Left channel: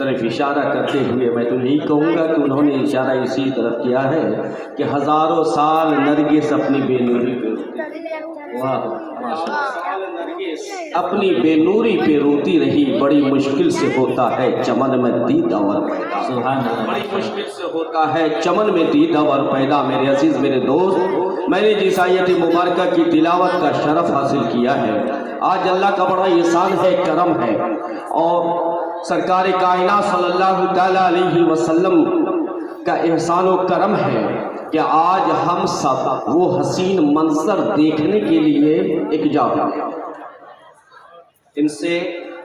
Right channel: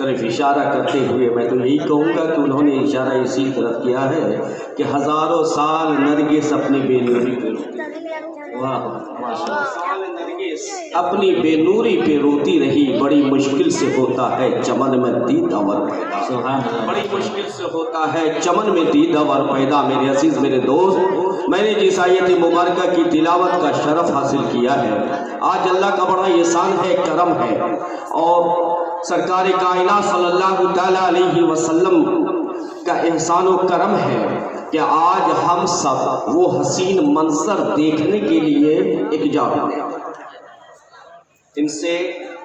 طرف اشارہ کرتے ہوئے میں تو یہی کہوں گا کہ انہوں نے اشارہ اسی طرف کیا ہے کہ ہزاروں سال نرگس اپنی بے نوری پہ اپنی بے نوری پہ روتی رہی، بڑی مشکل سے ہوتا ہے چمن میں دیدہ بڑی مشکل سے ہوتا ہے چمن میں دیدہ ور پیدا۔ میرے عزیز میرے دوست، میں نے جس آیت مبارکہ کی تلاوت کا شرف حاصل کیا ہے، آج اللہ کا بڑا احسان ہے، کرم ہے، اور سرکار کائنات صلی اللہ تعالیٰ علیہ وسلم کا احسان و کرم ہے کہ آج ہم سب وہ حسین منظر دیکھنے کے لیے ایک جا رہے ہیں۔ ان سے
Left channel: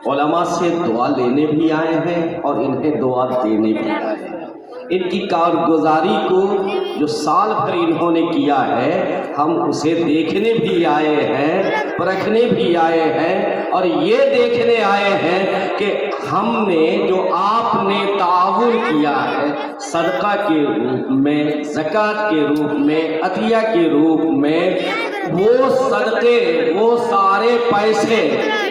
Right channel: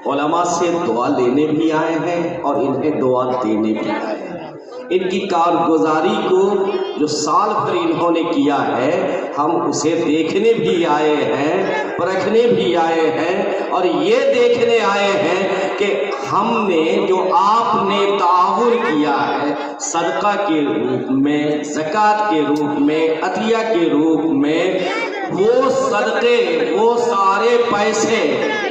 علماء سے دعا لینے بھی آئے ہیں اور انہیں دعا دینے بھی آئے ہیں۔ ان کی کارگزاری کو جو سال بھر انہوں نے کیا ہے، ہم اسے دیکھنے بھی آئے ہیں، پرکھنے بھی آئے ہیں، اور یہ دیکھنے آئے ہیں کہ ہم نے جو آپ نے تعاون کیا ہے صدقہ کے روپ میں، زکوٰۃ کے روپ میں، عطیہ کے روپ میں، وہ صدقے، وہ سارے پیسے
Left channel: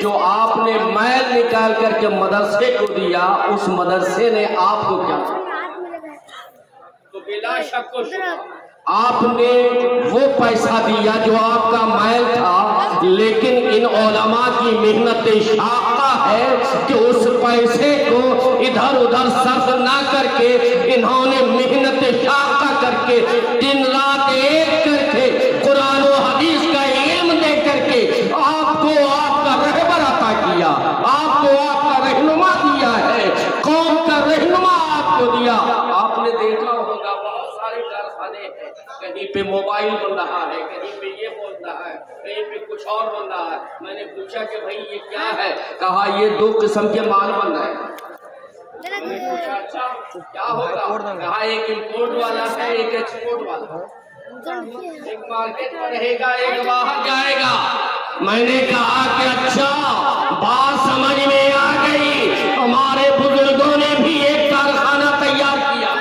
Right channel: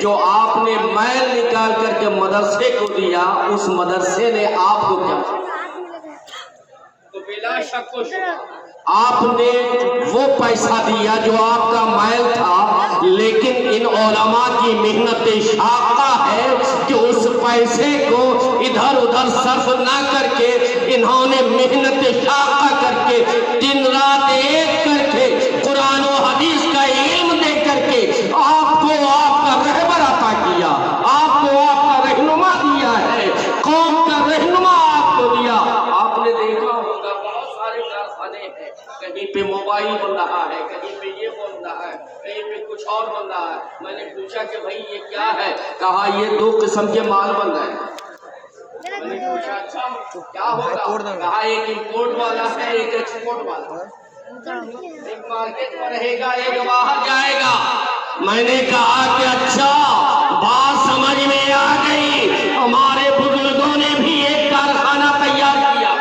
جو آپ نے میل نکال کر کے مدرسے کو دیا، اس مدرسے نے آپ کو کیا؟ تو بلا شک و شبہ آپ نے وہ پیسہ دیا جو آپ کا میل تھا، لیکن ان علماء کی محنت شاقہ ہے کہ اس پیسے کو ادھر ادھر صرف نہ کر کے انہوں نے محنت شاقہ کر کے دن رات ایک کر کے قرآن و حدیث کا علم دے کر کے آپ کو آپ کا رہبر عطا کیا، آپ کو آپ کا رہنما دیا ہے، قوم کا رہنما آپ کو دیا۔ آپ نے دیکھا ہوگا بہت سارے کارخانے ہیں، کہیں پہ موبائل بن رہا ہے، کہیں پہ یہ بن رہا ہے، کہیں پہ کچھ اور بن رہا ہے۔ میں نے پوچھا کہ بھائی یہ کیا ہے؟ کہا یہ 2 قسم کے مال بن رہے ہیں۔ میں نے پوچھا اچھا کیا ہوگا؟ کہا ایک امپورٹ والا ہے، ایک ایکسپورٹ والا ہے، ایک مارکیٹ میں رہے گا، ایک باہر جائے گا۔ میں نے کہا کہ اچھا بات سمجھ میں آ گئی، ہمارے بزرگوں نے بھی ایک کارخانہ تیار کیا،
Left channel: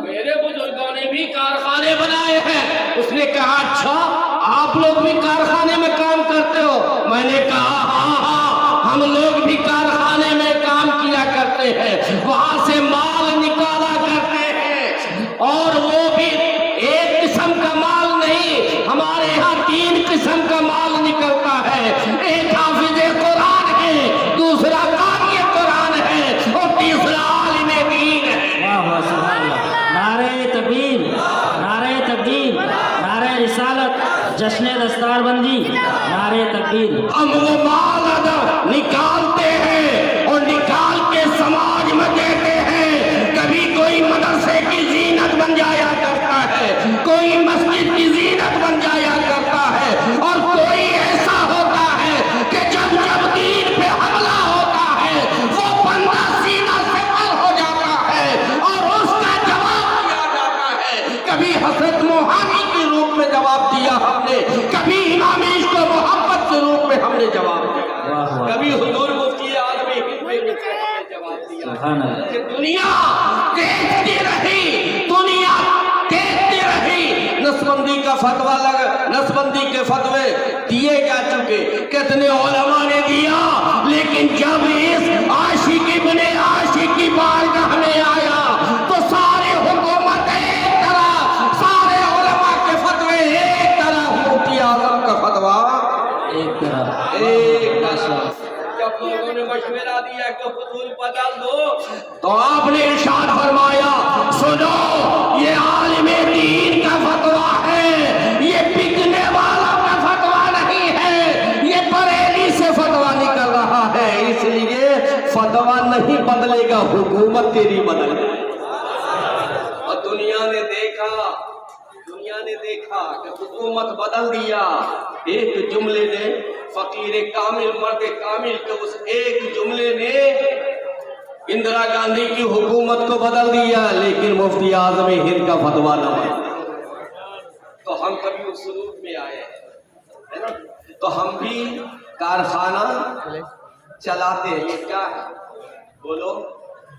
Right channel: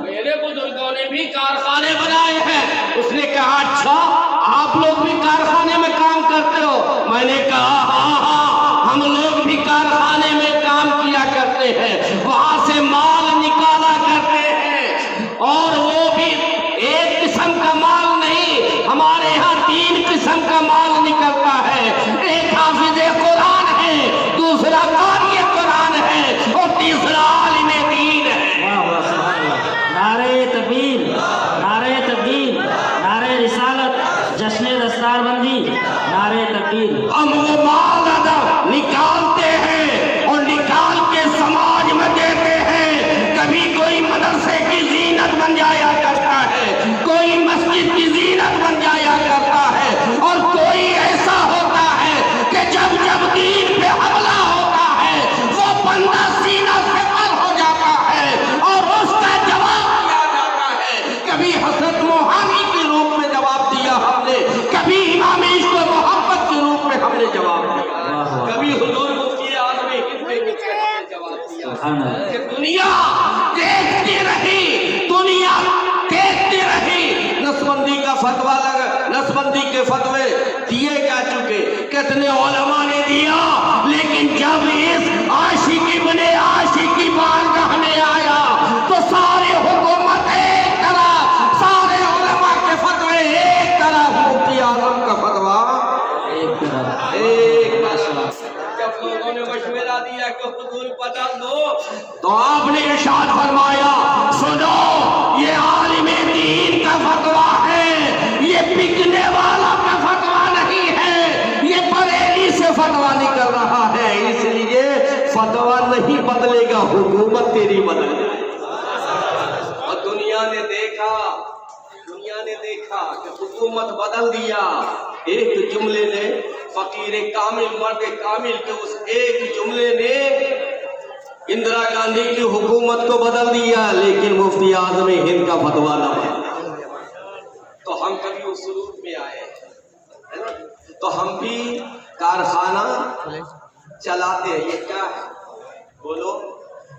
میرے بزرگوں نے بھی کارخانے بنائے ہیں۔ اس نے کہا اچھا آپ لوگ بھی کارخانے میں کام کرتے ہو؟ میں نے کہا ہاں ہم لوگ بھی کارخانے میں کام کیا کرتے ہیں، وہاں سے مال نکالا کرتے ہیں، اور وہ بھی ایک قسم کا مال نہیں، ہمارے یہاں 3 قسم کا مال نکلتا ہے، ایک حافظ قرآن ہے، دوسرا قاری قرآن ہے، اور تیسرا عالم دین ہے۔ جشن دستار بندی، نعرہ تکبیر۔ ہم وہ مال نکالتے ہیں اور نکال کے سماج میں دیتے ہیں۔ کبھی کوئی مدرسے کی زینت بن جایا کرتا ہے، کوئی مسجد کی زینت بن جایا کرتا ہے، اور کوئی ایسا ہوتا ہے کہ جب جب دین پہ حملہ ہوتا ہے وہ بندہ سینہ سے پر ہو جاتا ہے اور اس کا جواب دیا جاتا ہے۔ کبھی حضرت موہانی کے روپ میں جواب دیا ہم نے، کبھی امام عشق و محبت کے روپ میں ہم نے جواب دیا، کبھی حضور مفتی اعظم ہند میں جواب دیا کہ دنیا دیکھتی رہی، دنیا دیکھتی رہی۔ نسبندی کا فتویٰ لگا، نسبندی کے فتوے دیے جا چکے، کتنے علماء نے دیا، لیکن جب اس عاشقی بنے عاشقی بارگاہ میں آیا تو سارے حکومت ایک طرح، سارے علماء کے فتوے ایک طرح، مفتی اعظم کا فتویٰ ایک طرح، ایک طرح۔ جب لوگوں نے مشورہ دیا کہ حضور بدل دو تو آپ نے ارشاد فرمایا سنو یہ عالم دین کا فتویٰ ہے، یہ بکنے والا کا فتویٰ نہیں ہے، یہ بریلی سے فتویٰ نکل رہا ہے، اس لیے فتویٰ نہیں بدلے گا، حکومت تیری بدل جائے۔ اور دنیا نے دیکھا کہ حکومت بدل دیا، ایک جملے نے، فقیر کامل مرد کامل کے اس ایک جملے نے اندرا گاندھی کی حکومت کو بدل دیا، لیکن مفتی اعظم ہند کا فتویٰ نہ تھا۔ تو ہم کبھی اس روپ میں آئے ہیں، تو ہم بھی کارخانہ چلاتے ہیں۔ یہ کیا ہے بولو؟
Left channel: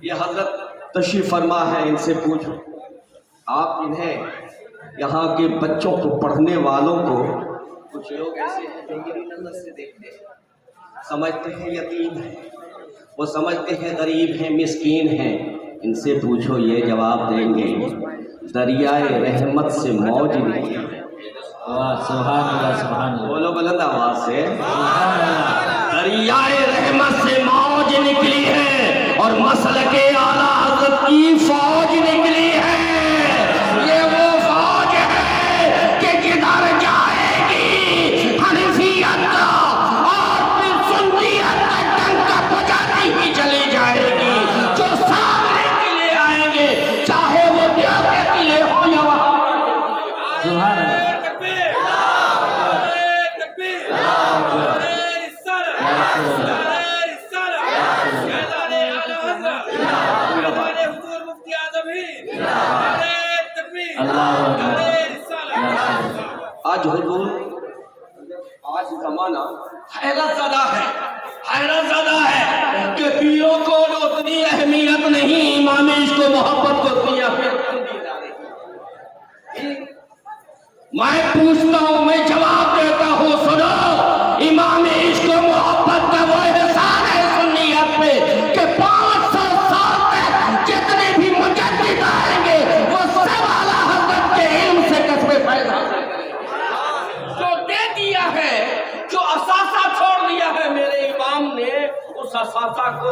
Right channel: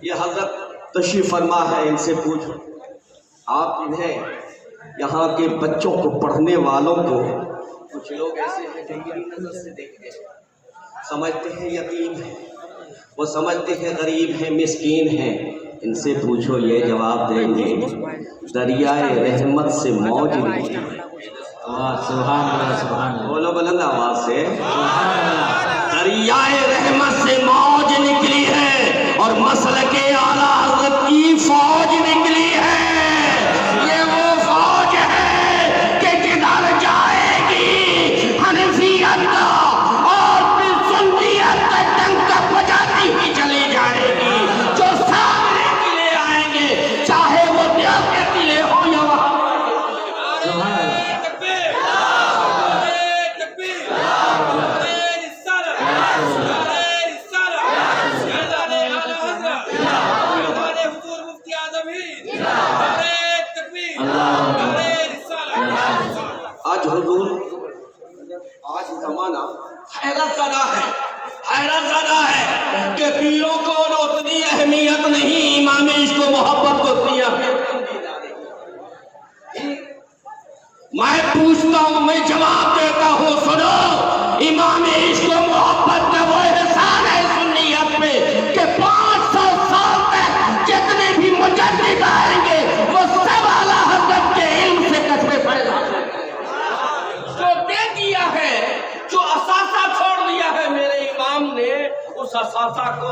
یہ حضرت تشریف فرما ہے، ان سے پوچھو، آپ انہیں یہاں کے بچوں کو پڑھنے والوں کو، کچھ لوگ ایسے ہیں جو میری نظر سے دیکھتے ہیں، سمجھتے ہیں یتیم ہے، وہ سمجھتے ہیں غریب ہیں مسکین ہیں. ان سے پوچھو یہ جواب دیں گے دریائے رحمت سے موج نکلی ہے. سبحان اللہ سبحان اللہ. بولو بلند آواز سے. سبحان اللہ. دریائے رحمت سے موج نکلی ہے اور مسلک اعلیٰ حضرت کی فوج نکلی ہے. یہ وہ فوج ہے کہ جدھر جائے گی حنفیت اور پھر سنیت کا ڈنکا بجاتی ہی چلی جائے گی. جو سامنے کے لیے آئیں گے چاہے وہ دیوبند کے قلعے ہو یا سبحان اللہ. آج حضور آج زمانہ حیرت زدہ ہے کہ پیروں کو اتنی اہمیت نہیں، امام عشق و محبت کو اتنی اہمیت نہیں دی جا رہی. میں پوچھتا ہوں، میں جواب دیتا ہوں، سنو. امام عشق و محبت کا وہ احسان ہے سنیت پہ کہ 500 سال تک جتنے بھی مجدد آئیں گے وہ سب اعلیٰ حضرت کے علم سے کثرے فیض حاصل کریں گے. جو دے دیا ہے، جو اثاثہ چھوڑ دیا ہے میرے امام نے، اس اثاثہ کو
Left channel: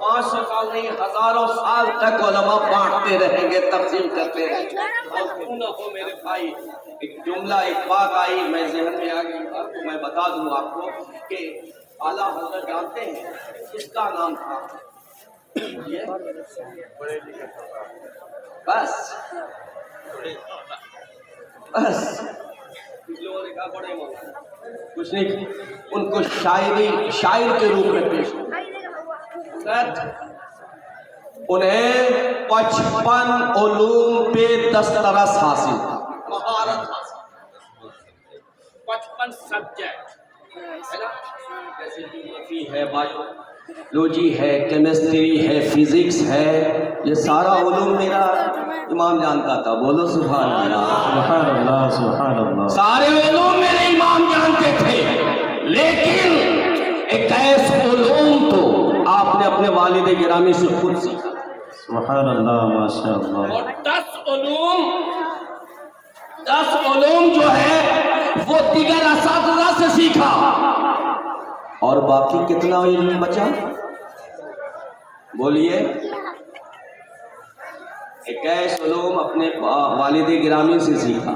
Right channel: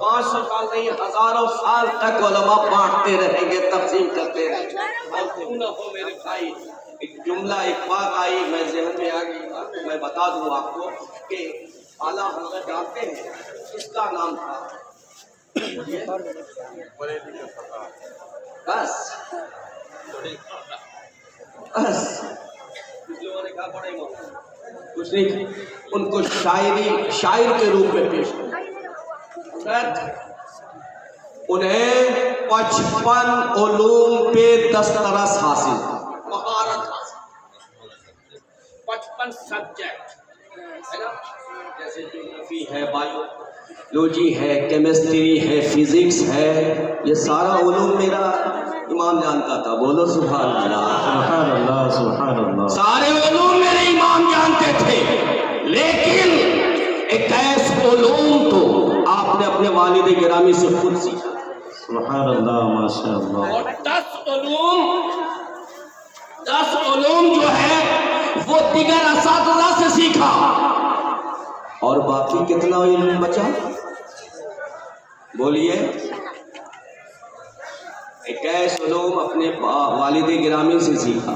500 سال نہیں ہزاروں سال تک علماء بانٹتے رہیں گے، تقسیم کرتے رہیں گے. اور کیوں نہ ہو میرے بھائی، ایک جملہ ایک بات آئی میں ذہن میں آ گئی تھا، میں بتا دوں آپ کو کہ اعلیٰ حضرت جانتے ہیں اس کا نام تھا بس کچھ لوگوں نے کہا بڑے مولانا، کچھ نہیں. ان کو شاعر کے روپ میں پیش کیا. انہیں 55 علوم پہ دسترس حاصل تھا، مہارت حاصل. 55 سبجیکٹ ہے نا، جیسے جیوگرافی ہے، بایولوجی ہے، کیمسٹری ہے، فزکس ہے. یہ سارا علوم میرا امام جانتا تھا. بولو سبحان اللہ. سبحان اللہ سبحان اللہ. سارے علوم میرے امام جانتے تھے، لیکن 21 علوم تو آپ نے اپنے والد گرامی سے خود سیکھا. سبحان اللہ ماشاء اللہ. اور 10 علوم جو ہے وہ دیگر اساتذہ سے سیکھا. اور باقی کتنا علم بچا؟ بولیے. 21 علوم اپنے والد گرامی سے سیکھا،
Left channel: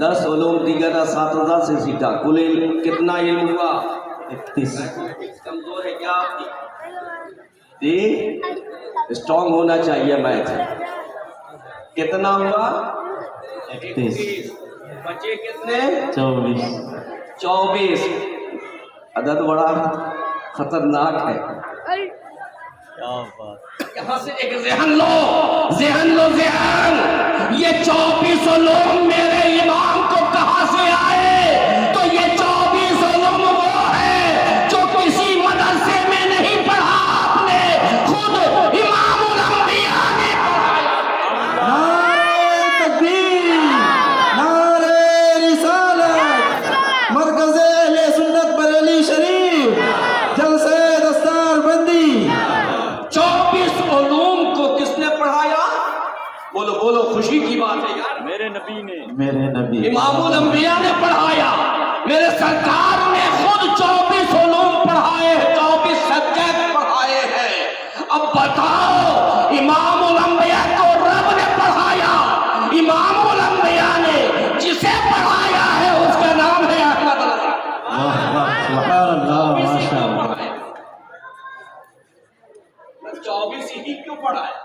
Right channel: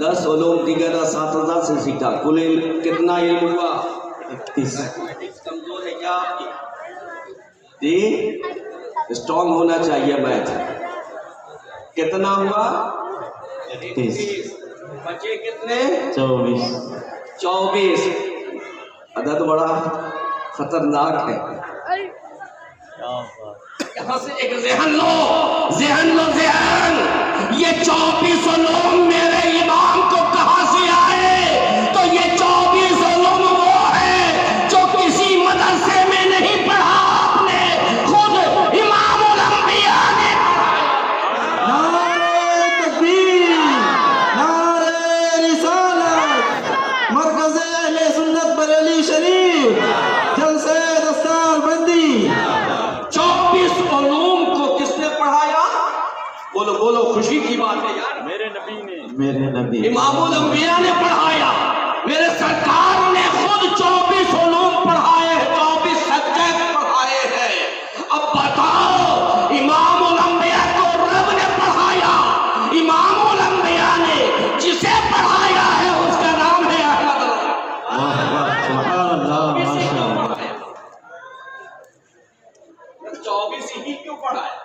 10 علوم دیگر اساتذہ سے سیکھا. کل علم کتنا علم ہوا؟ 31. کمزور ہے کیا آپ کی؟ جی اسٹرانگ ہونا چاہیے. میتھ کتنا ہوا؟ 31. بچے کتنے؟ 24. عدد بڑا خطرناک ہے. یہاں سے ایک ذہن لو. یہ 24 علوم میرے امام کو کہاں سے آئے؟ تو یہ 24 علوم وہ ہے جو کسی مدرسے میں نہیں پڑھا، آپ نے خود امام الانبیاء نے پڑھایا. نعرہ تکبیر، نعرہ رسالت، مرکز اہل سنت بریلی شریف، جلسہ دستار بندی. 24 علوم کو کس نے پڑھایا؟ بولو خوشی کی بات ہے یار. میرے نبی امام الانبیاء نے پڑھایا. میرے سرکار نے خود 24 علوم پڑھائے، 24 سبجیکٹ پڑھائے ہیں. اب بتاؤ، امام الانبیاء کو رب نے پڑھایا، امام الانبیاء نے جسے پڑھایا ہے اس کا نام ہے احمد رضا. سبحان اللہ ماشاء اللہ. 24 ہی کیوں پڑھایا؟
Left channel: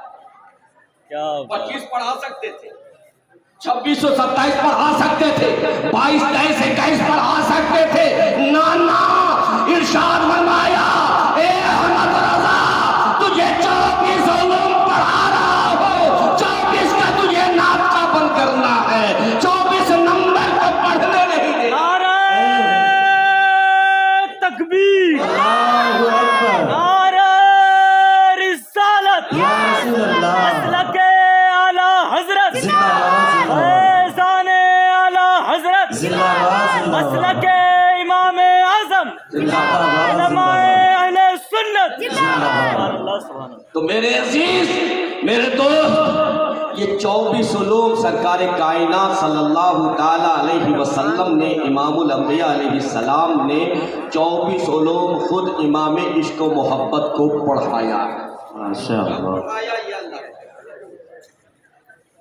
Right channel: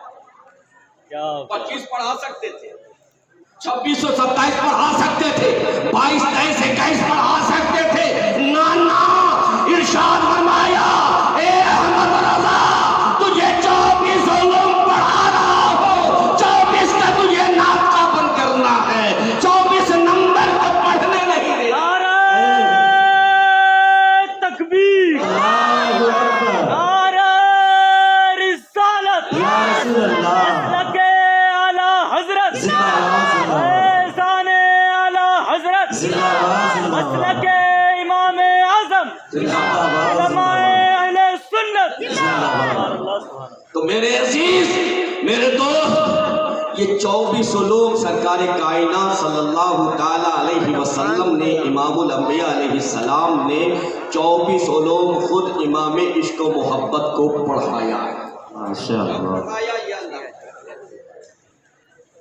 25 پڑھا سکتے تھے، 26 اور 27 پڑھا سکتے تھے، 22 23 21 پڑھا سکتے تھے. نانا ارشاد فرمایا، اے احمد رضا تجھے 24 علوم پڑھا رہا ہو، 24 کا تجھے ناطقہ بند کرنا ہے، 24 نمبر کو پڑھنے نہیں دینا. تکبیر، اللہ اکبر. نعرہ رسالت، یا رسول اللہ. مسلک اعلیٰ حضرت، زندہ باد زندہ باد. احسان اعلیٰ حضرت، زندہ باد زندہ مسلک باد. امام اعظم، زندہ باد زندہ علماء باد. اہل سنت، زندہ باد. میرے عزیز میرے دوست، یہ 24 علوم سرکار کائنات صلی اللہ تعالی علیہ وسلم نے، امام الانبیاء علیہ السلام نے 24 علوم خود امام عشق و محبت کو پڑھایا۔ ماشاءاللہ، پڑھایا یہ اللہ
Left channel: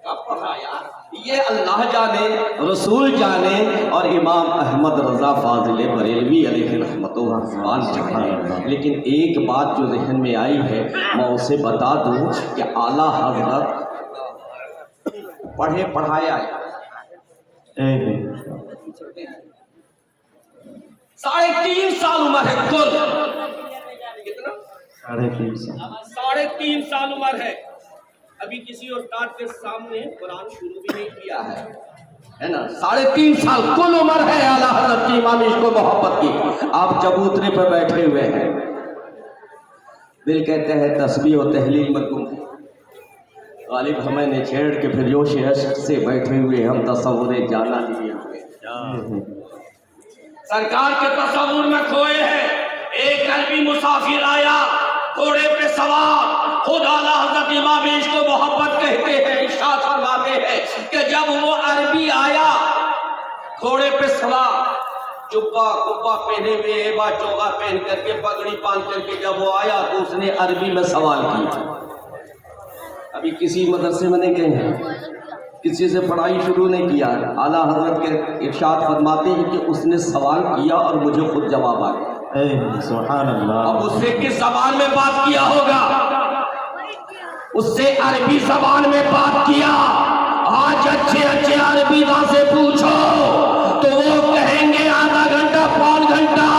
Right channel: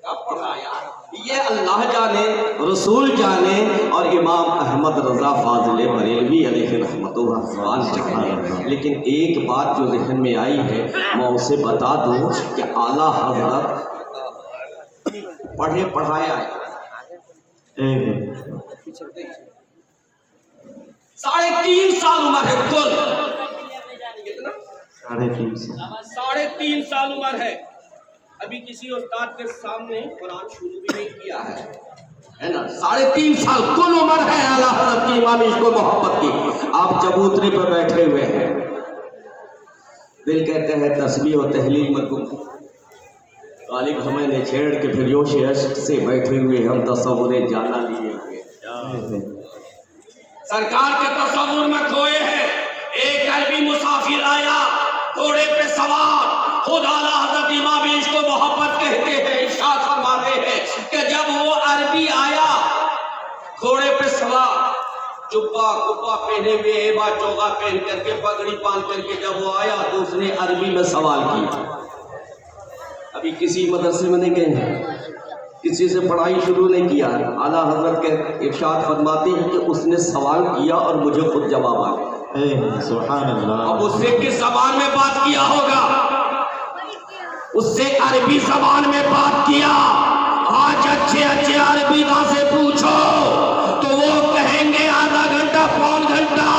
کب پڑھایا یہ اللہ جانے، رسول جانے، اور امام احمد رضا فاضل بریلوی علیہ رحمت و رضوان جانے۔ لیکن ایک بات جو ذہن میں آئی ہے میں اسے بتا دوں کہ اعلیٰ حضرت پڑھے پڑھایا ایک 3.5 سال عمر ہے کل، کتنا؟ 3.5 3.5 سال عمر ہے۔ ابھی کسی استاد کے سامنے قرآن شروع بھی نہیں کیا ہے نا۔ 3.5 سال کل عمر ہے اعلیٰ حضرت کی امام عشق و محبت کی۔ آپ چبوترے پہ بیٹھے ہوئے ہیں، دل کہتے ہیں تسبیح و تحلیل میں گم، غالب ہمیں نے چھیڑ کے پھر جوش عشق سے بیٹھے ہوئے ہم تصور جانا لیے ہوئے، سرکار کے تصور میں کھوئے ہیں۔ ایک عربی مسافر آیا گھوڑے پہ سوار، خود اعلیٰ حضرت امام عشق و محبت کہتے ہیں، ارشاد فرماتے ہیں کہ جب وہ عربی آیا گھوڑے پہ سوار، جبہ کپا پہنے ہوئے، ایبا چوغا پہن کر کے، پگڑی باندھ کر کے جب وہ آیا تو اس نے عربی میں سوال کیا۔ ابھی کسی مدرسے میں نہیں گئے ہیں، کسی سے پڑھائی شروع نہیں کیا، اعلیٰ حضرت کے ارشاد فرماتے ہیں کہ اس نے سوال کیا اور مجھے خود جواب آ گیا۔ سبحان اللہ۔ اب اس سے کس زبان میں بات کیا ہوگا؟ اس سے عربی زبان میں بات کیا۔ آج اچھے اچھے عربی داں سے پوچھو تو وہ کہیں گے آدھا گھنٹہ پون گھنٹہ،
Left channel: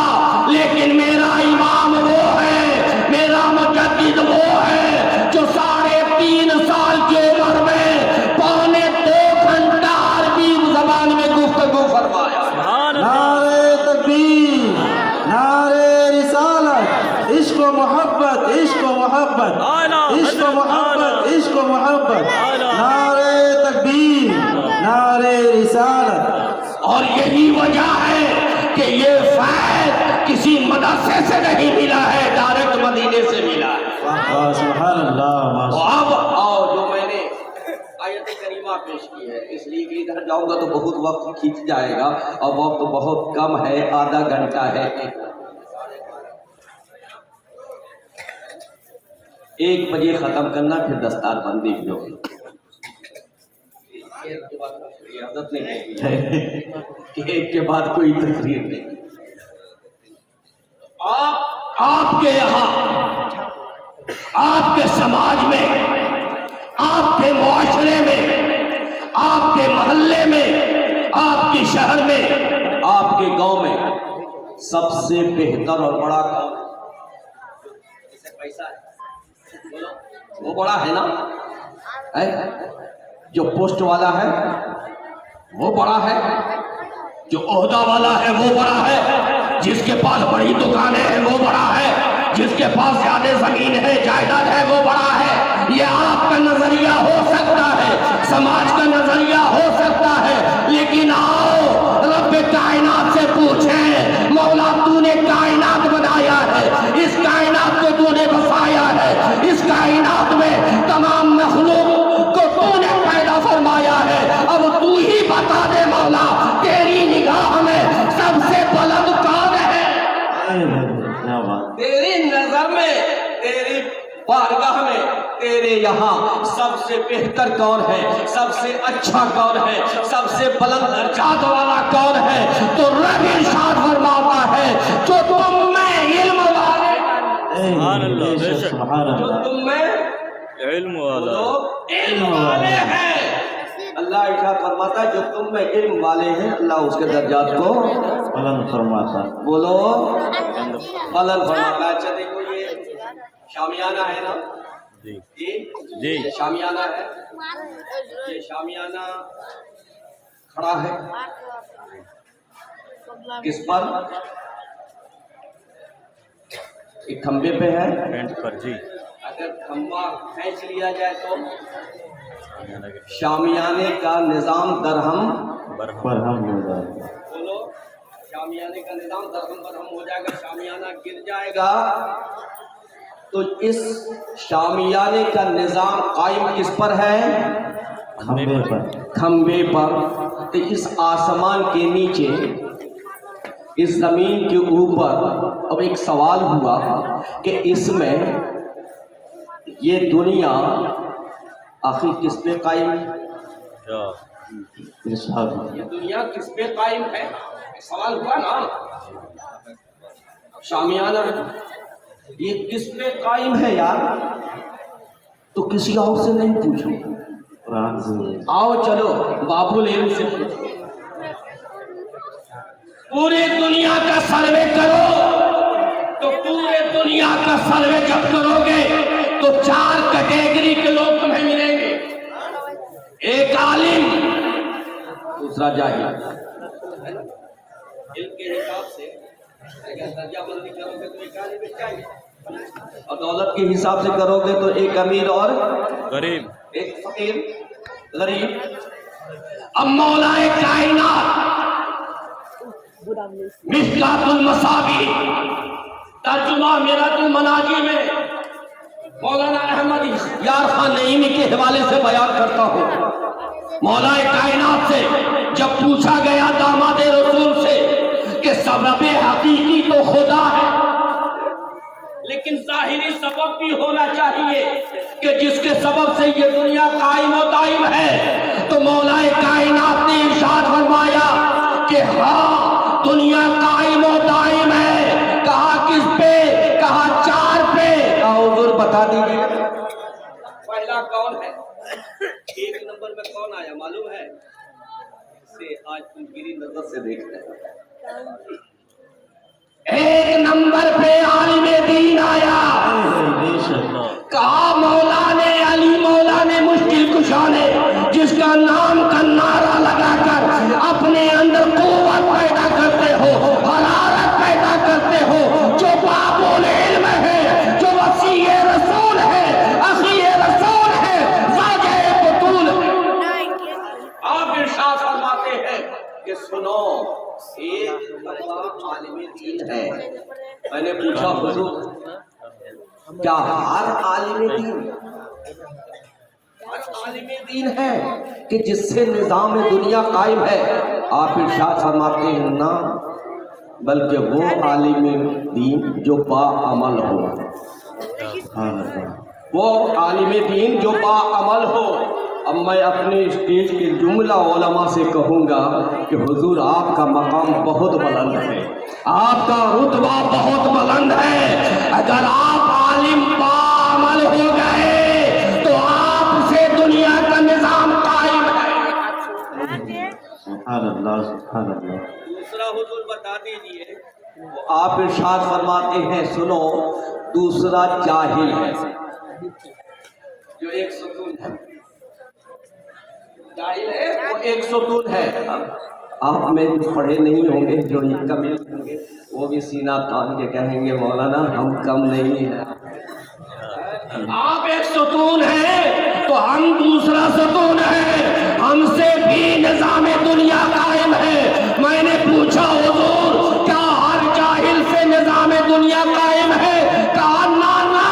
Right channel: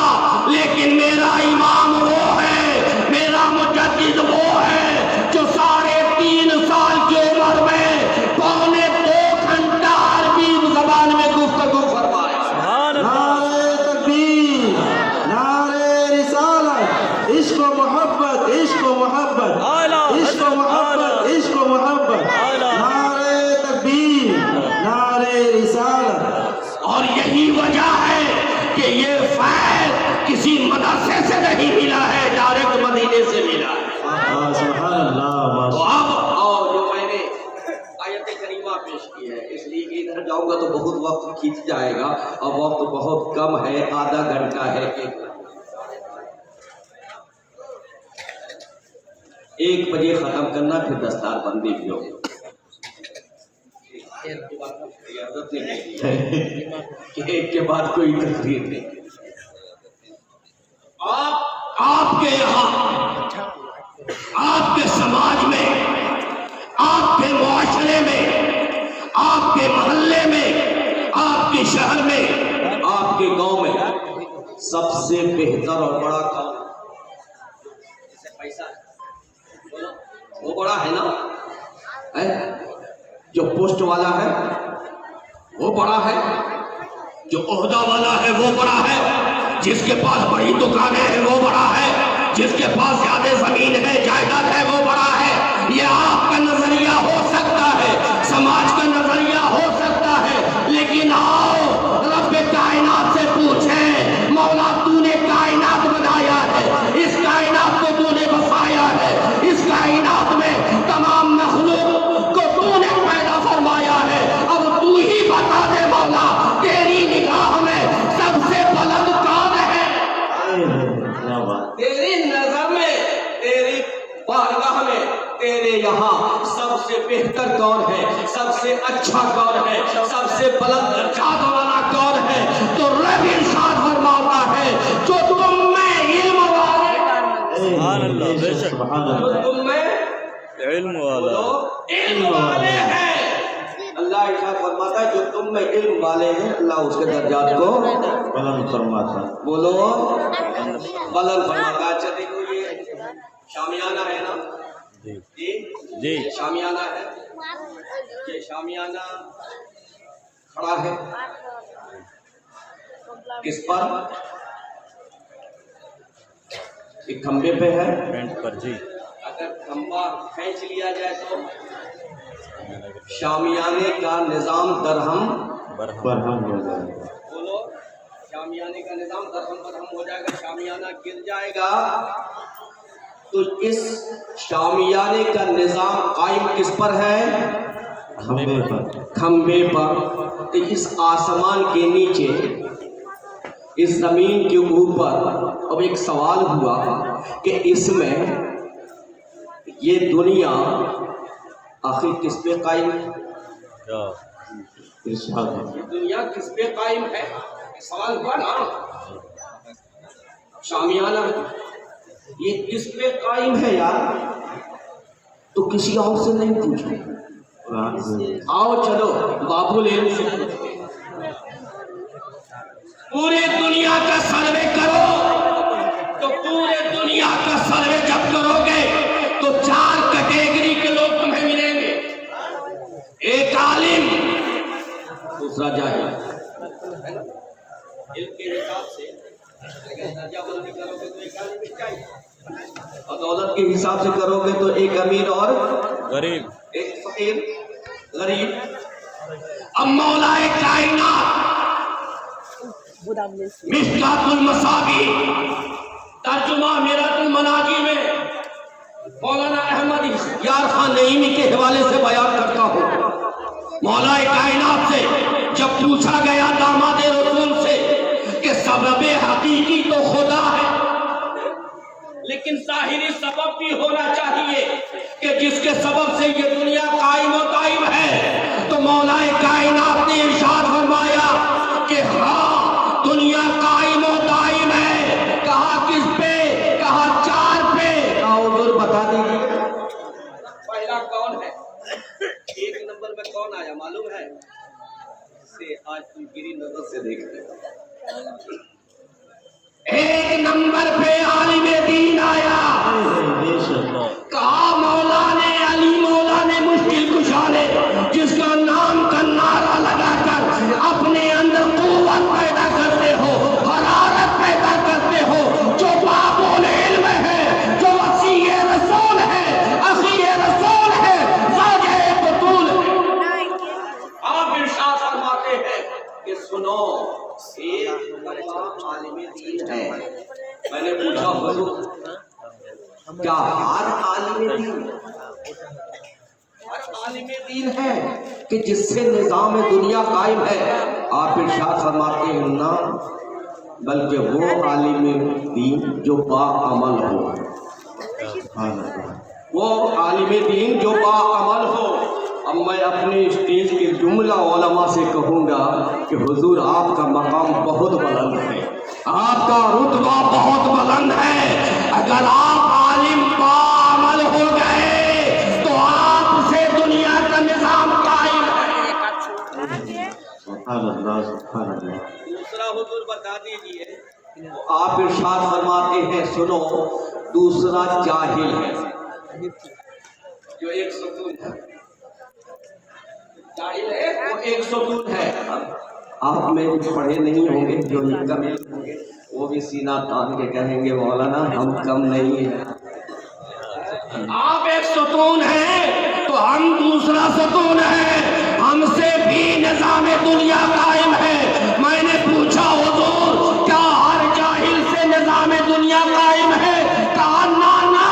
لیکن میرا امام وہ ہے، میرا مجدد وہ ہے جو 3.5 سال کی عمر میں 2.25 گھنٹہ عربی زبان میں گفتگو فرمایا۔ سبحان اللہ، نعرہ تکبیر، نعرہ رسالت، عشق و محبت، عشق و محبت، اعلیٰ عشق و حضرت، محبت، اعلیٰ، عشق و محبت، اعلیٰ، نعرہ تکبیر، نعرہ رسالت۔ اور یہی وجہ ہے کہ یہ فیض کسی مدرسے سے نہیں ملا ہے، ڈائریکٹ مدینے سے ملا ہے۔ سبحان اللہ۔ اب اور جو میں نے آیت کریمہ پیش کی ہے، اس لیے ادھر جاؤں گا تو بہت وقت کھینچ جائے گا، اور وقت بہت کم ہے، آدھا گھنٹہ ہے۔ 1 بجے ختم کرنا، پھر دستار بندی بھی ہوگی۔ ریاضت نہیں کہ ایک کے بعد کوئی تقریر نہیں۔ آپ کے یہاں، آپ کے سماج میں، آپ کے معاشرے میں، آپ کے محلے میں، آپ کے شہر میں، آپ کے گاؤں میں سب سے بہتر اور بڑا کون جس سے پیسہ ہے؟ بولو، وہ بڑا ہے نا؟ جو پوسٹ والا ہے وہ بڑا ہے، جو عہدہ والا ہے وہ بڑا ہے، جس کے پاس بڑی دکانیں ہیں وہ بڑا ہے، جس کے پاس زیادہ زمین ہے، جائیداد ہے وہ بڑا ہے۔ یہ آپ کا نظریہ ہو سکتا ہے، سماج کا نظریہ ہو سکتا ہے، لیکن آؤ رب کائنات سے پوچھیں، مولا تو نے کائنات بنایا ہے، اس کائنات کو تو نے بسایا ہے، اس کائنات میں تمام مخلوق کو تو نے پیدا فرمایا ہے، اب تو ہی بتا دے مولا تیری نگاہ میں سب سے بلند کون ہے؟ کیا بات، تیری نظر میں، تیری بارگاہ میں، تیرے یہاں سب سے بہتر کون ہے، سب سے اچھا کون ہے، سب سے بلند درجات والا کون ہے؟ تو رب ارشاد فرماتا ہے جو تم میں علم والے، سبحان اللہ، بے شک، سبحان جو اللہ۔ تم میں علم والا، علم والے ہیں، اللہ ارشاد فرماتا ہے جو تم میں علم والے ہیں، اللہ اس کے درجات کو بلند فرماتا۔ بولو بلند فرماتا ہے۔ اچھا دیکھو یہ شامیانہ ہے نا، جی جی یہ شامیانہ ہے، یہ شامیانہ کھڑا ہے کس پر؟ ایک کھمبے پہ ہے، پینٹ پر، جی اگر کھمبا کھینچ لیا جائے تو شامیانے کا نظام درہم برہم، برہم ہو جائے گا۔ بولو شامیانے کا نظام درہم برہم ہو جائے گا، شامیانہ گر جائے گا تو اس شامیانے کا نظام قائم کس پر ہے؟ کھمبے پر کھمبے پر۔ تو اس آسمان کے نیچے، اس زمین کے اوپر اب ایک سوال ہوا کہ اس میں یہ دنیا آخر کس پہ قائم ہے؟ کیا ارشاد یہ دنیا کس پہ قائم ہے؟ ایک سوال ہوا نا، شامیانہ ہے، یہ کس پہ قائم ہے یار؟ تو کسی اور سے نہیں پوچھو، قرآن سے آؤ چلو باب العلم سے پوچھو۔ پورے دنیا کا سروے کرو، تو پورے دنیا کا سروے جب کرو گے تو 4 کیٹیگری کے لوگ تمہیں ملیں گے۔ ایک عالم، دوسرا جاہل۔ علم کے حساب سے اگر درجہ بندی کرو گے تو ایک عالم چاہیے، اور دولت کے حساب سے کرو گے تو ایک امیر اور غریب ایک فقیر غریب۔ اب مولا کائنات مشکات المصابیح ترجمہ میرات المناجی میں مولانا احمد یار خان نعیمی کے حوالے سے بیان کرتا ہوں۔ مولا کائنات سے جب پوچھا گیا داماد رسول سے کہ سبب حقیقی تو خدا ہے، لیکن ظاہری سبب بھی ہونا چاہیے کہ جس کے سبب سے یہ دنیا قائم و دائم ہے، تو مولا کائنات نے ارشاد فرمایا کہ ہاں دنیا قائم و دائم ہے۔ کہا کس پہ؟ کہا 4 پہ۔ حضور بتا دیجیے پہلا کون ہے؟ 1 نمبر میں کون آیا معلوم ہے؟ اسے آج تم گری نظر سے دیکھتے ہیں۔ 1 نمبر پہ عالم دین آیا، کہا مولا نے علی مولا نے مشکل کشا نے جس کا نام کا نعرہ لگا کر اپنے اندر قوت پیدا کرتے ہو، حرارت پیدا کرتے ہو، جو باب العلم ہے، جو وسیع رسول ہے، اخی رسول ہے، زاجہ بطول ہے۔ آپ ارشاد فرماتے ہیں کہ سنو، ایک عالم دین ہے۔ میں نے پوچھا حضور کیا ہر عالم دین ہے کہ جس سے نظام دنیا قائم ہے؟ آپ ارشاد فرماتے ہیں نا، بلکہ وہ عالم دین جو باعمل ہو، وہ عالم دین جو باعمل ہو۔ اب میں اپنے اسٹیج کے جملہ علماء سے کہوں گا کہ حضور آپ کا مقام بہت بلند ہے، آپ کا رتبہ بہت بلند ہے۔ اگر آپ عالم باعمل ہو گئے تو آپ سے دنیا کا نظام قائم ہے۔ سبحان اللہ سبحان اللہ۔ دوسرا حضور بتا دیجئے، آپ ارشاد فرماتے ہیں سنو، دوسرا جاہل ہے، جو ایک ستون ہے، جاہل ہے وہ ایک ستون ہے۔ آپ میں جو پڑھے نہیں ہوں گے، جو کمیل ہوں گے، وہ بھی سینہ تان کے کہیں گے مولانا ہم کم نہیں ہیں۔ آپ ایک ستون ہیں تو ہم دوسرا ستون ہیں، ہم سے بھی نظام دنیا قائم ہے۔ میں نے پوچھا حضور کیا ہر جاہل سے نظام دنیا قائم ہے؟ کہا نا نا،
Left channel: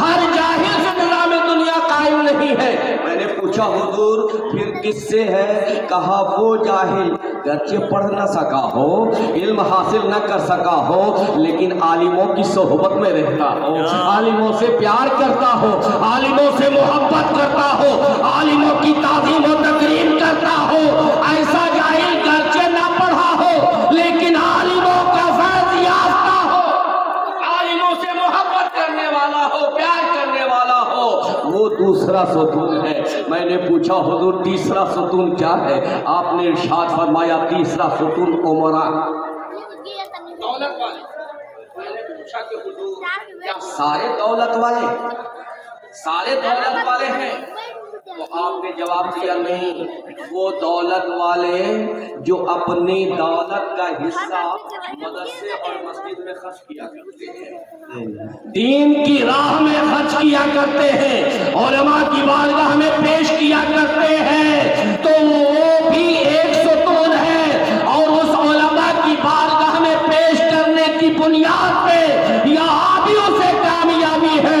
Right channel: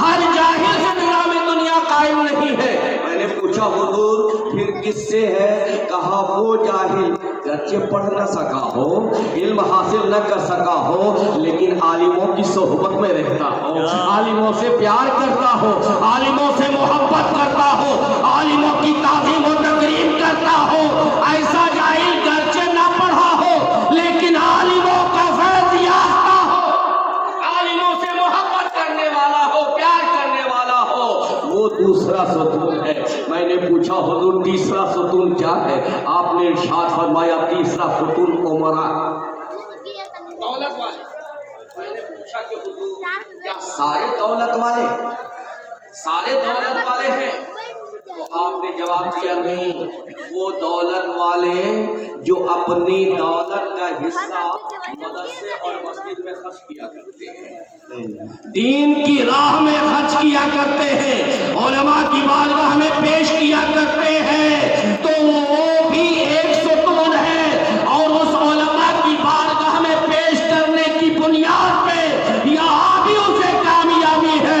ہر جاہل سے نظام دنیا قائم نہیں ہے۔ میں نے پوچھا حضور پھر کس سے ہے؟ کہا وہ جاہل گرچہ پڑھ نہ سکا ہو، علم حاصل نہ کر سکا ہو، لیکن عالموں کی صحبت میں رہتا ہو، عالموں سے پیار کرتا ہو، عالموں سے محبت کرتا ہو، عالموں کی تعظیم و تکریم کرتا ہو۔ ایسا جاہل گرچہ نہ پڑھا ہو لیکن عالموں کا فیض یافتہ ہو، عالموں سے محبت کرنے والا ہو، پیار کرنے والا ہو، وہ دوسرا ستون ہے۔ میں نے پوچھا حضور تیسرا ستون کیا ہے؟ آپ نے ارشاد فرمایا تیسرا ستون عمرہ، دولت والے۔ میں نے پوچھا کہ حضور کیا سارے دولت والے ہیں؟ تو آپ نے جواب دیا نہیں، وہ دولت والے جو اپنی دولت کا حصہ مدرسے اور مسجد میں خرچ کیا کرتے ہیں، دین کی راہ میں خرچ کیا کرتے ہیں، علماء کی بارگاہ میں پیش کیا کرتے ہیں، تو وہ بھی ایک ستون ہے۔ اور اس علماء کی بارگاہ میں پیش کرنے کی بنیاد پہ یہاں بھی اسے کامیابی ہے،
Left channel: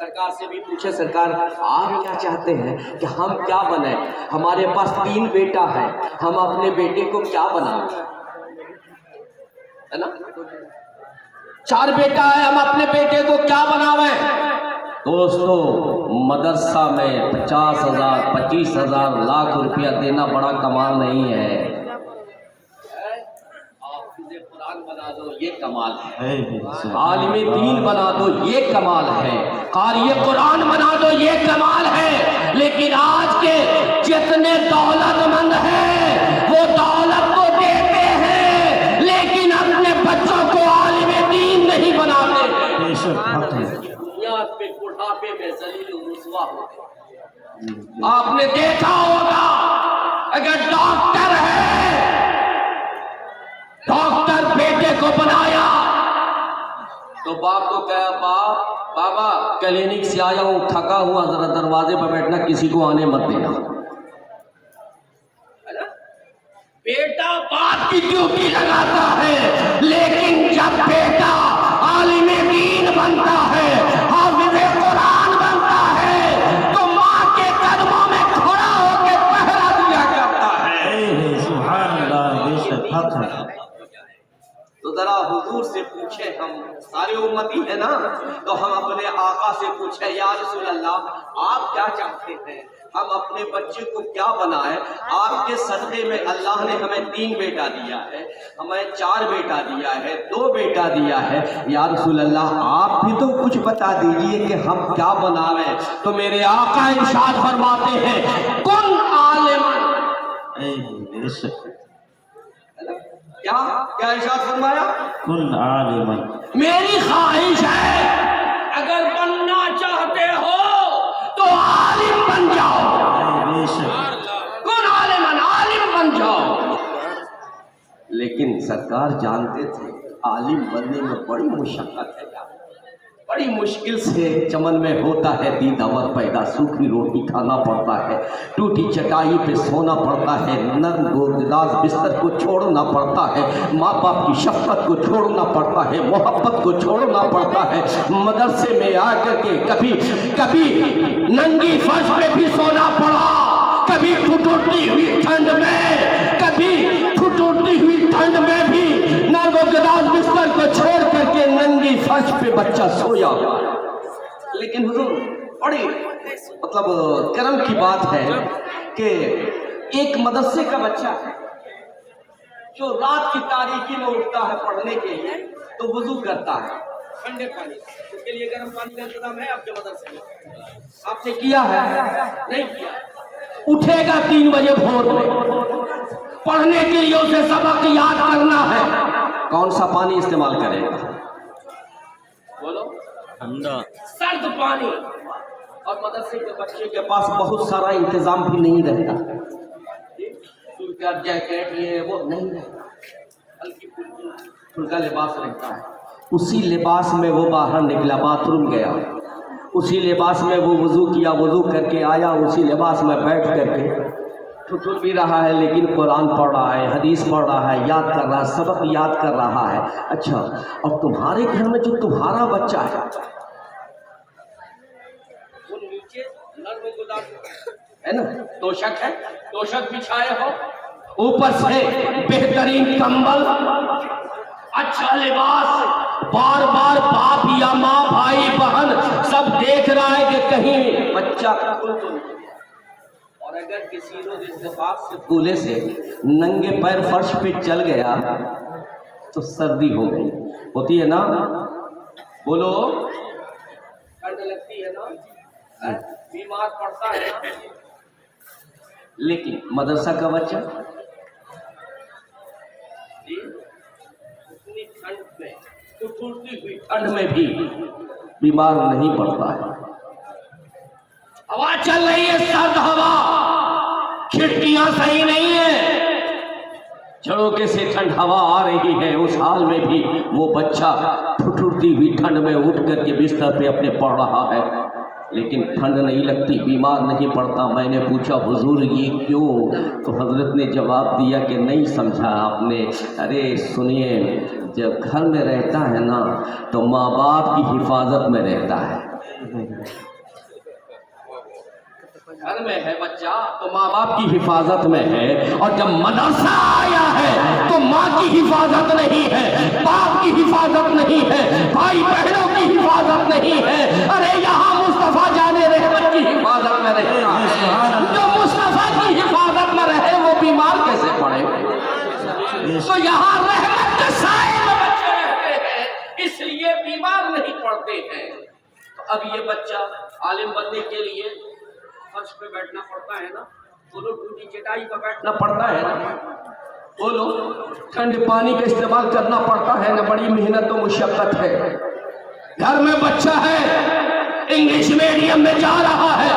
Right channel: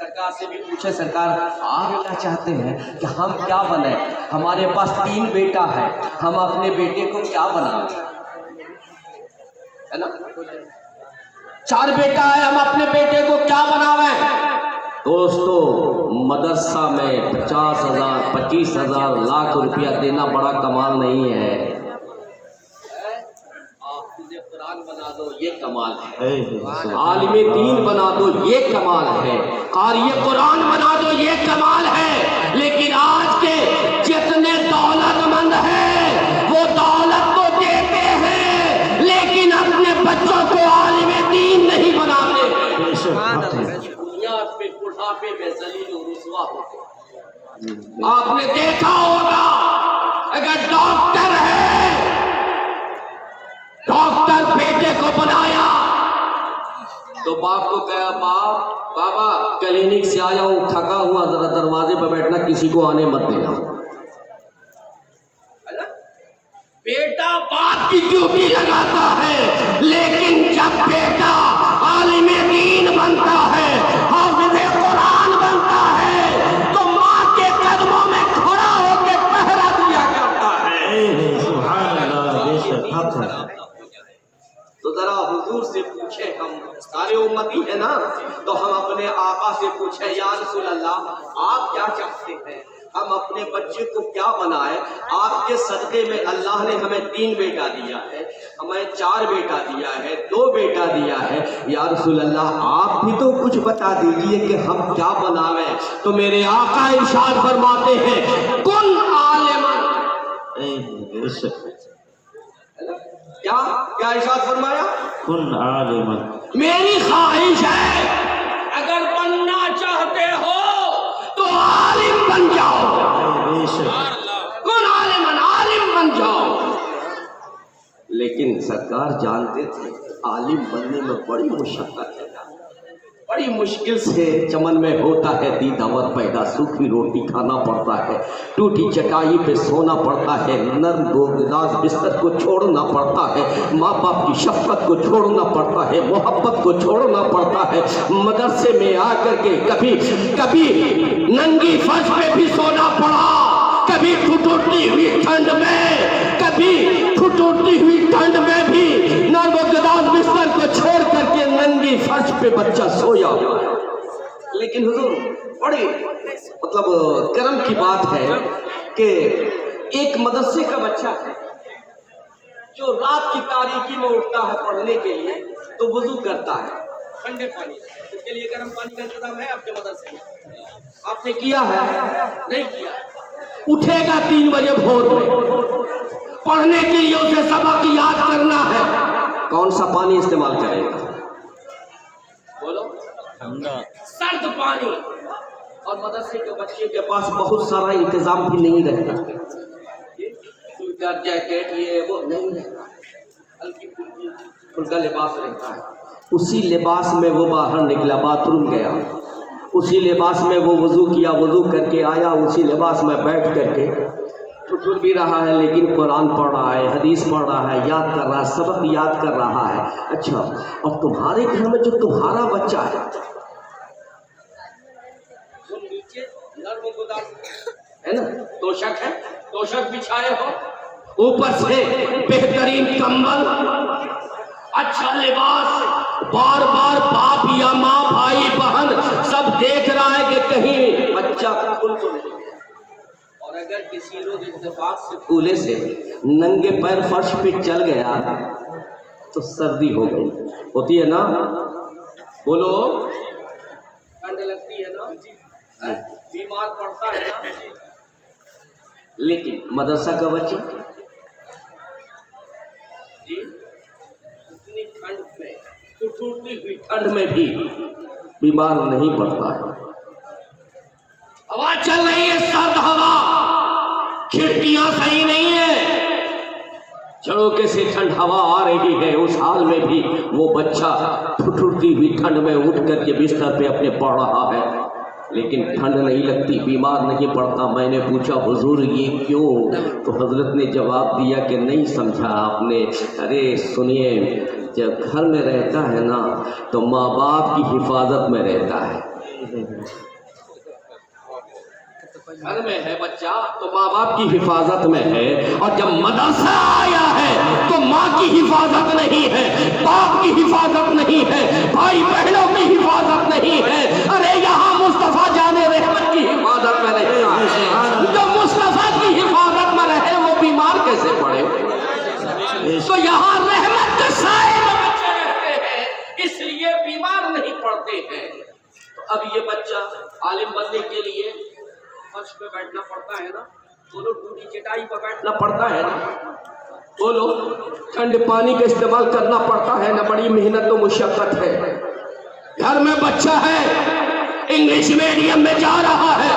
سرکار سے بھی پوچھے سرکار آپ کیا چاہتے ہیں کہ ہم کیا بنیں؟ ہمارے پاس 3 بیٹا ہے، ہم اپنے بیٹے کو کیا بنائیں؟ ہے نا، 4 بیٹا ہے، ہم اپنے بیٹے کو کیا بناویں؟ دوستو مدرسہ میں 50,000 25,000 لاکھ روپیہ دینا بڑا کمال نہیں ہے، حافظ قرآن بنا دو یہ کمال ہے، عالم دین بنا دو یہ کمال ہے، قاری قرآن بنا دو یہ کمال ہے، لیکن آج کے جتنے دولت مند ہیں وہ دولت تو دیتے ہیں لیکن اپنے بچوں کو عالم دین نہیں بناتے ہیں، بنیاد پہ بڑھاپے میں ذلیل و رسوا ہوتے ہیں۔ آپ نے دیکھا ہوگا اگر ڈاکٹر ہے، ڈاکٹر بیٹے کو بنایا تو باپ کو کہا بابا کلینک سے آیا ہوں تھکا ہوا، ذرا دروازے پر بیٹھنا، کسی کو آنے مت دینا۔ بیٹا باپ کی ڈیوٹی لگاتا ہے، لیکن جب بیٹا عالم دین بنتا ہے، حافظ قرآن بنتا ہے تو ماں کے قدموں میں کھڑا ہو کے پہرا دیا کرتا ہے۔ سبحان اللہ، بے شک حق ہے۔ تو ذرا حضور سے پوچھیں، ہم سارے امتی ہیں نا، تو ہم اپنے آقا سے پوچھیں یا رسول اللہ آپ کیا چاہتے ہیں، ہم اپنے بچے کو کیا بنائیں؟ آپ کے صدقے میں اللہ نے ہمیں 3 بیٹا دیا ہے، ہمیں 4 بیٹا دیا ہے، 2 بیٹا دیا ہے، یا رسول اللہ آپ بھی تو کچھ بتا دیجئے کہ ہم کیا بنائیں؟ تو میرے آقا ارشاد فرماتے ہیں کن عالماً، بے شک کیا ارشاد فرمایا؟ کن عالما، میری خواہش ہے اگر بننا چاہتے ہو تو عالم بن جاؤ، بے شک کن عالماً، عالم بن جاؤ۔ لیکن سرکار جانتے تھے عالم بننے میں بڑی مشقت ہے، بڑی مشکل سے چمن میں ہوتا ہے دید امر پیدا، سوکھی روٹی کھانا پڑتا ہے، ٹوٹی چٹائی پہ سونا پڑتا ہے، نرم گوداز بستر کو چھوڑنا پڑتا ہے، ماں باپ کی شفقت کو چھوڑنا پڑتا ہے، محبت کو چھوڑنا پڑتا ہے، مدرسے میں آ کر کے کبھی ننگی فرش پہ بھی سونا پڑا، کبھی ٹھٹوٹی ہوئی ٹھنڈ میں بھی نرم گوداز بستر کو چھوڑ کر کے ننگی فرش پہ بچہ سویا۔ لیکن حضور بڑی کرم کی بات ہے کہ ایک مدرسے کا بچہ ہے جو رات کی تاریکی میں اٹھتا ہے پڑھنے کے لیے، تو وضو کرتا ہے ٹھنڈے پانی سے، اس کے لیے گرم پانی کا انتظام ہے آپ کے مدرسے میں؟ آپ نے کیا ہے؟ نہیں کیا۔ اٹھے گا 3 بجے بھور میں، پڑھنے کے لیے اسے سبق یاد کرنا ہے، کون سا پانی استعمال کرے گا؟ بولو، ٹھنڈا سرد پانی۔ اور مدرسے کے بچے کے پاس بہت سارا انتظام بھی نہیں رہتا، سویٹر جیکٹ یہ وہ نہیں رہتا، ہلکی پھلکا لباس رہتا ہے، اسی لباس میں وہ باہر نکلا، باتھ روم گیا، اسی لباس میں وہ وضو کیا، وضو کر کے آیا، اسی لباس میں بیٹھ کر کے ٹھٹر بھی رہا ہے لیکن قرآن پڑھ رہا ہے، حدیث پڑھ رہا ہے، یاد کر رہا ہے، سبق یاد کر رہا ہے۔ اچھا، اور تمہارے گھر میں جو تمہارا بچہ ہے وہ نیچے نرم گوداز ہے نا، توشک ہے، توشک بچھائے ہو، اوپر سے بہترین کمبل، اچھا لباس، بار بار باپ یا ماں، بھائی بہن سب دیکھ رہا ہے کہ کہیں بچہ کھل تو نہیں، اور اگر کسی روز اتفاق سے پھولے سے ننگے پیر فرش پہ چل گیا تو سردی ہو گئی، ہوتی ہے نا؟ بولو، ٹھنڈ لگتی ہے نا، بیمار پڑتا ہے نا۔ لیکن مدرسہ کا بچہ جی اتنی ٹھنڈ میں، ٹھٹھرتی ہوئی ٹھنڈ میں بھی بیمار نہیں پڑتا ہے۔ ہوا چل رہی ہے، سرد ہوا، کھڑکیاں صحیح نہیں ہے، جھڑوکے سے ٹھنڈ ہوا آ رہی ہے، اس حال میں بھی وہ بچہ ٹھٹھرتی ہوئی ٹھنڈ میں اٹھ کر کے بستر پہ اپنے پڑھ رہا ہے، لیکن ٹھنڈ نہیں لگتی، بیمار نہیں پڑتا۔ میں نے پوچھا حضور یہ کیوں؟ تو حضرت نے جواب دیا کہ نہیں سمجھا آپ نے۔ ارے سنیے، جب گھر میں رہتا ہے نا تو ماں باپ کی حفاظت میں رہتا ہے، گھر میں ہے بچہ تو ماں باپ کی حفاظت میں ہے، اور جب مدرسہ آیا ہے تو ماں کی حفاظت نہیں ہے، باپ کی حفاظت نہیں ہے، بھائی بہنوں کی حفاظت نہیں ہے۔ ارے یہاں مصطفیٰ جان رحمت کی حفاظت میں رہتا ہے، جو مصطفیٰ کی حفاظت میں رہے وہ بیمار کیسے پڑے؟ تو یہاں رحمت کے سائے میں بچے رہتے ہیں، اس لیے بیمار نہیں پڑتے ہیں۔ اب یہ بچہ عالم بننے کے لیے فرش پہ بیٹھنا پڑتا ہے نا، بولو ٹوٹی چٹائی پہ بیٹھنا پڑتا ہے نا، بولو ٹھنڈے پانی کا استعمال کرنا پڑتا ہے نا، بڑی محنت و مشقت ہے۔ گھر میں بچہ ہے انگلش میڈیم میں جا رہا ہے،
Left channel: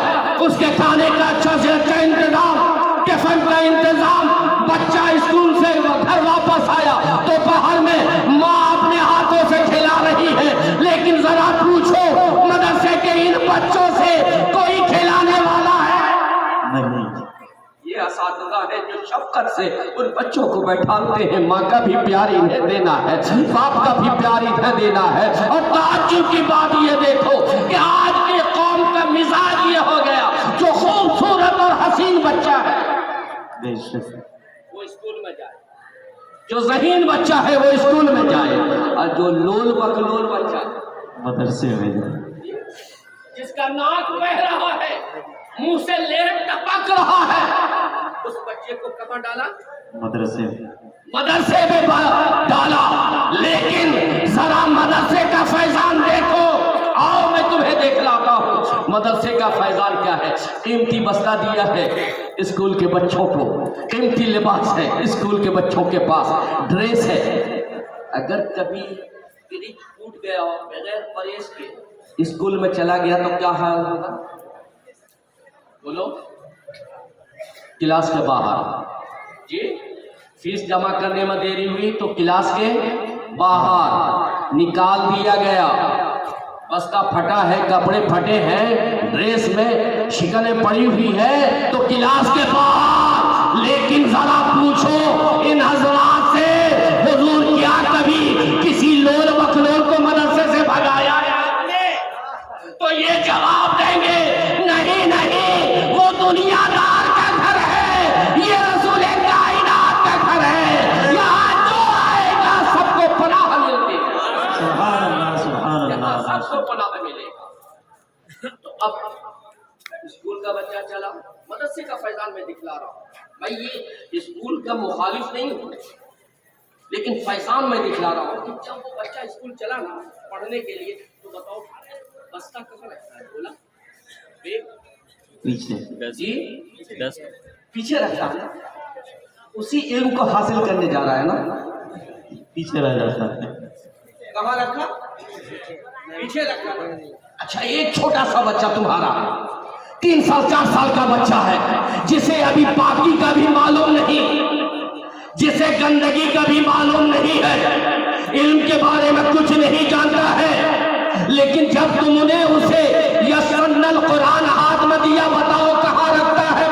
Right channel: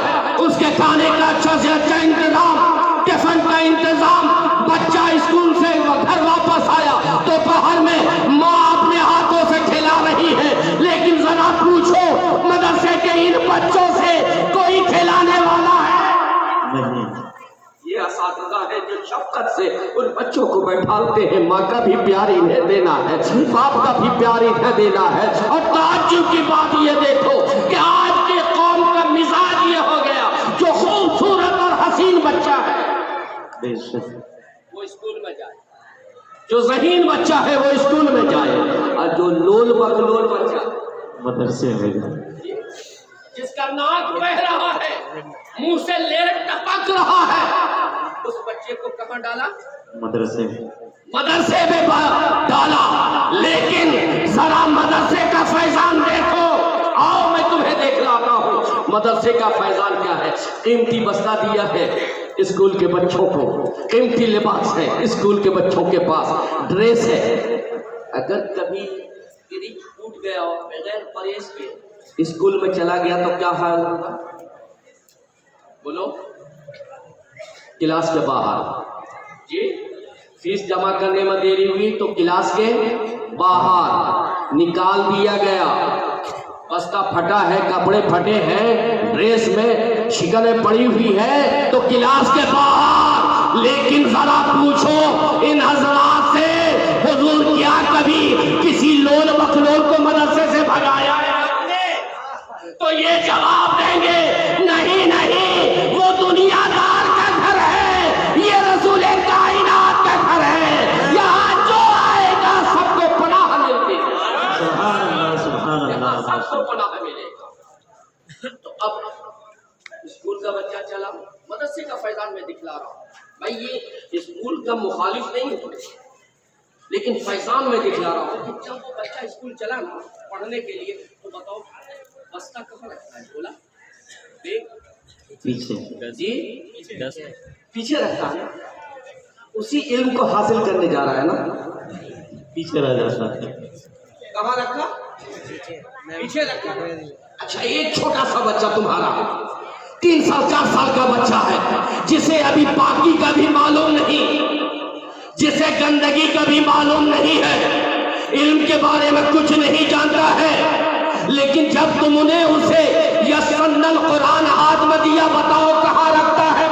اس کے کھانے کا اچھا سے اچھا انتظام، ٹفن کا انتظام، بچہ اسکول سے گھر واپس آیا تو باہر میں ماں اپنے ہاتھوں سے کھلا رہی ہے، لیکن ذرا پوچھو مدرسے کے ان بچوں سے کوئی کھلانے والا ہے؟ نہیں۔ یہ اساتذہ ہے جو شفقت سے ان بچوں کو بیٹھالتے ہیں، ماں کا بھی پیار انہیں دینا ہے، باپ کا بھی پیار انہیں دینا ہے۔ اور تعجب کی بات یہ دیکھو کہ آج کے قوم کا مزاج یہ ہو گیا، جو خوبصورت اور حسین بچہ ہے بے شک۔ وہ اسکول میں جائے، جو ذہین بچہ ہے وہ اسکول میں جائے، اور جو لول بکلول بچہ مدرسے میں جائے۔ جس کا ناک بہ رہا ہے، منہ سے لیٹ ٹپک رہا ہے، اس بچے کو کہاں ڈالا؟ مدرسے میں۔ مدرسے میں ڈالا۔ لیکن ذرا مدرسے کا فیضان دیکھو، آؤ میں تمہیں دکھلاتا ہوں مدرسے کا فیضان کیا ہے۔ قیمتی بستہ دیا ہے اسکول کے بچوں کو، قیمتی لباس ہے اسکول کے بچوں کے پاس، ڈریس ہے۔ اگر کبھی فریج ٹوٹ گیا اور بغیر پرہیز کے اسکول میں چلا گیا تو کیا حال ہوگا؟ بولو، کلاس کے باہر، جی فیس جمع کرنے میں دیری ہوئی تو کلاس کے باہر نکال دیا گیا، بستہ پھٹا ہے، کپڑے پھٹے ہیں، ڈریس میں شکنیں پڑی ہوئی ہے تو کلاس کے باہر۔ لیکن ذرا پوچھو ان حضرات سے، حضور کیا کبھی کسی لول بکلول کو مدرسے سے بھگایا ہے آپ نے؟ تو یہ جواب دیں گے نہیں نہیں، وہ دنیا دار کا گھر ہے، یہ رسول کائنات کا گھر ہے، یہاں جو آئے گا سب کو پناہ ملتی ہے، سبحان اللہ، سبحان یہاں اللہ۔ سب کو پناہ ملے گا۔ تو اب اسکول کا بچہ چلا، مدرسے کا فیضان میں دکھلا رہا ہوں بھائی، یہ اسکول کا مخالف نہیں ہوں لیکن فیضان میں دکھلا رہا ہوں کہ جب وہ بچہ اسکول چلا نا پڑھنے کے لیے تو بتاؤ بستہ کہاں رکھتا ہے؟ بولا بیگ پیچھے۔ جی دس پیچھے رکھتا ہے، اسی علم کو حاصل کرنے جا رہا ہے نا، پیچھے رہ جاتا ہے۔ کہاں رکھا؟ پیچھے رکھا نا۔ اچھا ایک چھوٹا سا بچہ تمہارا 3 سال 4 سال کا بچہ ہے، جسے ابھی پاکی کا بھی معلوم نہیں، جسے گندگی کا بھی معلوم نہیں ہے، علم کے بارے میں کچھ نہیں جانتا ہے، لیکن جب تم نے اسے یسرن القرآن ہاتھ میں دیا، بتاؤ کہاں رکھتا ہے؟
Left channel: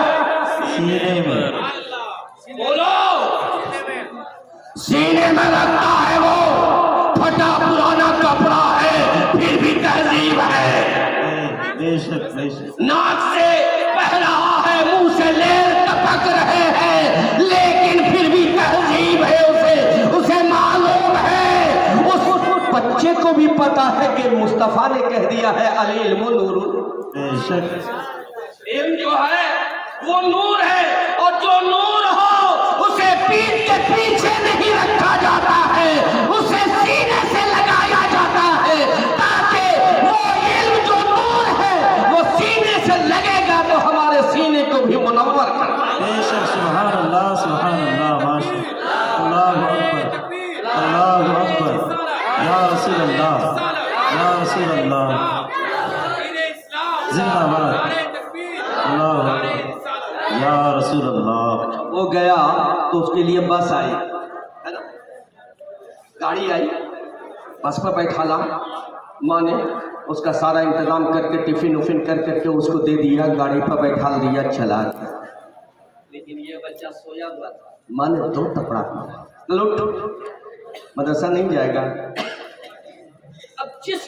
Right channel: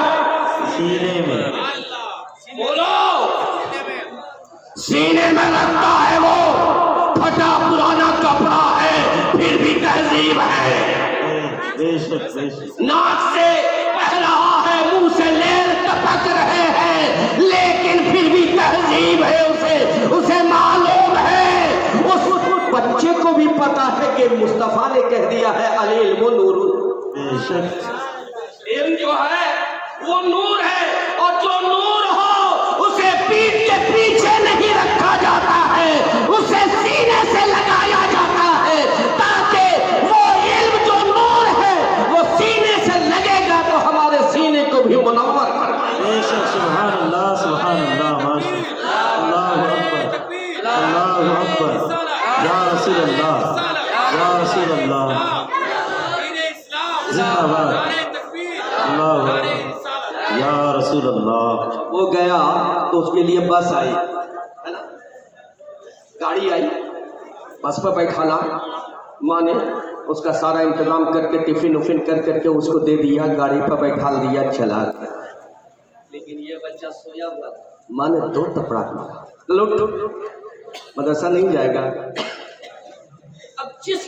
سینے میں۔ بولو، سینے میں رکھتا ہے، وہ پھٹا پرانا کپڑا ہے پھر بھی تہذیب ہے، بے شک، بے شک۔ ناک سے بہ رہا ہے، منہ سے لیل ٹپک رہے ہیں، لیکن پھر بھی تہذیب ہے، اسے معلوم ہے، اس بچے کو بھی پتا ہے کہ مصطفیٰ نے کہہ دیا ہے العلم نور، بے شک۔ علم جو ہے وہ نور ہے، اور جو نور ہو اسے پیٹھ کے پیچھے نہیں رکھا جاتا ہے، اسے سینے سے لگایا جاتا ہے، تاکہ وہ علم جو نور ہے وہ سینے سے لگے گا تو ہمارے سینے کو بھی منور کرے گا۔ بے شک، سبحان اللہ، سبحان اللہ، ماشاء اللہ، اللہ اکبر، یا رسول اللہ، یا رسول اللہ، زندہ باد، اللہ اکبر، یا رسول اللہ۔ وہ گیا تو اس کے لیے بس آئی ہے نا، گاڑی آئی، بس پہ بیٹھالا، ماں نے اس کا سارا انتظام کر کے ٹفن وفن کر کے اس کو دے دیا، گاڑی پہ بیٹھا دیا، چلا گیا۔ لیکن یہ بچہ سویا ہوا تھا، ماں نے 2 تپڑا مارا، مدرسہ نہیں جائے گا۔ اب جس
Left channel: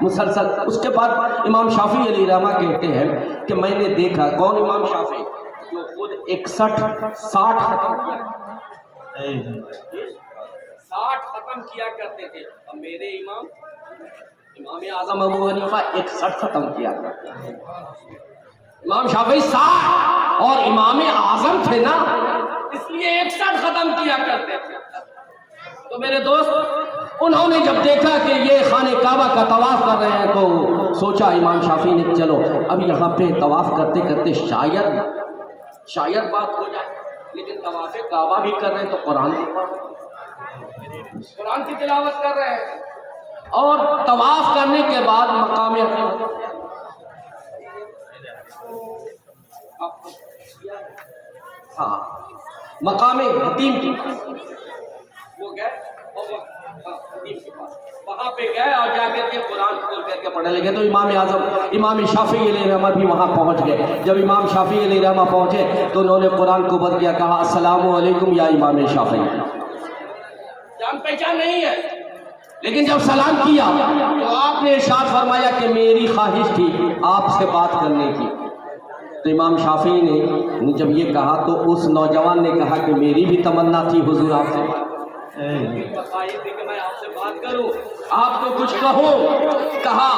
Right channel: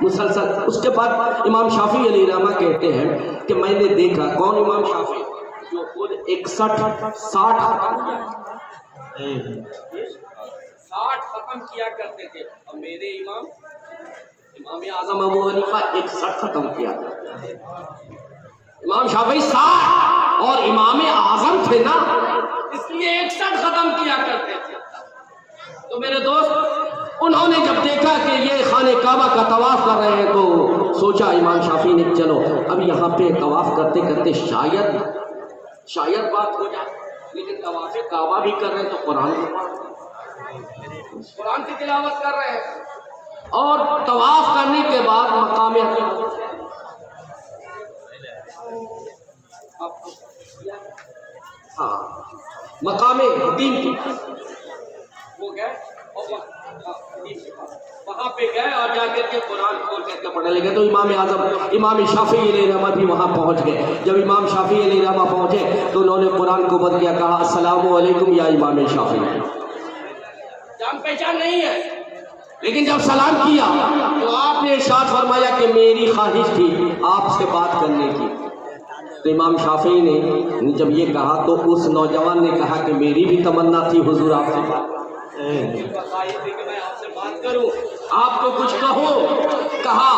مسلسل. اس کے بعد امام شافعی علیہ رحمہ کہتے ہیں کہ میں نے دیکھا. کون امام شافعی؟ جو خود 61-60 ختم کیا 60 ختم کیا کرتے تھے. اور میرے امام اعظم ابو حنیفہ 61 ختم کیا. امام شافعی 60 اور امام اعظم تھے نا, اس لیے 61 ختم کیا کرتے تھے. تو میرے دوست انہوں نے جب دیکھا کہ یہ خانہ کعبہ کا طواف کر رہے ہیں تو سوچا امام شافعی نے چلو اب یہاں پہ طواف کرتے کرتے شاید بات ہو جائے. لیکن طواف کعبہ بھی کر رہے ہیں تو قرآن کی تلاوت کر رہے ہیں. اور طواف کرنے کے بعد مقام حتیم کی وہ گئے اور وہاں پہ گئے اور جا کر کے قرآن کھول کر کے پڑھنے لگے. تو امام اعظم امام شافعی علیہ رحمہ بھی وہاں پہنچ گئے. جب امام شافعی علیہ رحمہ پہنچے تو انہوں نے قرآن کو بند کیا, کہا السلام علیکم یا امام شافعی. جان پہچان نہیں ہے, لیکن جب سلام کیا تو آپ نے ارشاد فرمایا کہ میری خواہش تھی آپ سے بات کرنے کی. تو امام شافعی نے جب یہ کہا تو اس نوجوان نے کہا کہ میری بھی تمنا تھی حضور آپ سے کہ میں آپ سے بات کروں, آپ تو کچھ کہو. کہا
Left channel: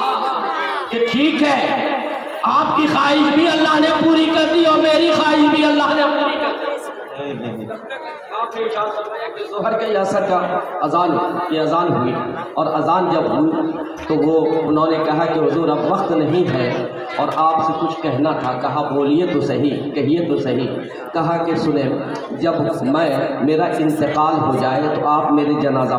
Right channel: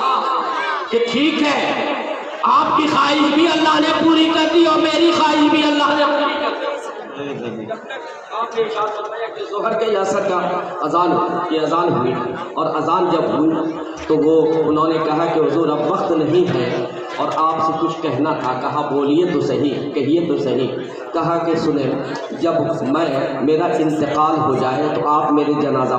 کہ ٹھیک ہے, آپ کی خواہش بھی اللہ نے پوری کر دی اور میری خواہش بھی اللہ نے پوری کر دی. جب تک آپ نے ارشاد فرمایا کہ ظہر کے عصر کا اذان ہوئی, اور اذان جب ہوئی تو وہ انہوں نے کہا کہ حضور اب وقت نہیں ہے اور آپ سے کچھ کہنا تھا. کہا بولیے تو صحیح, کہیے تو صحیح. کہا کہ سنیں, جب میرا انتقال ہو جائے تو آپ میرے جنازہ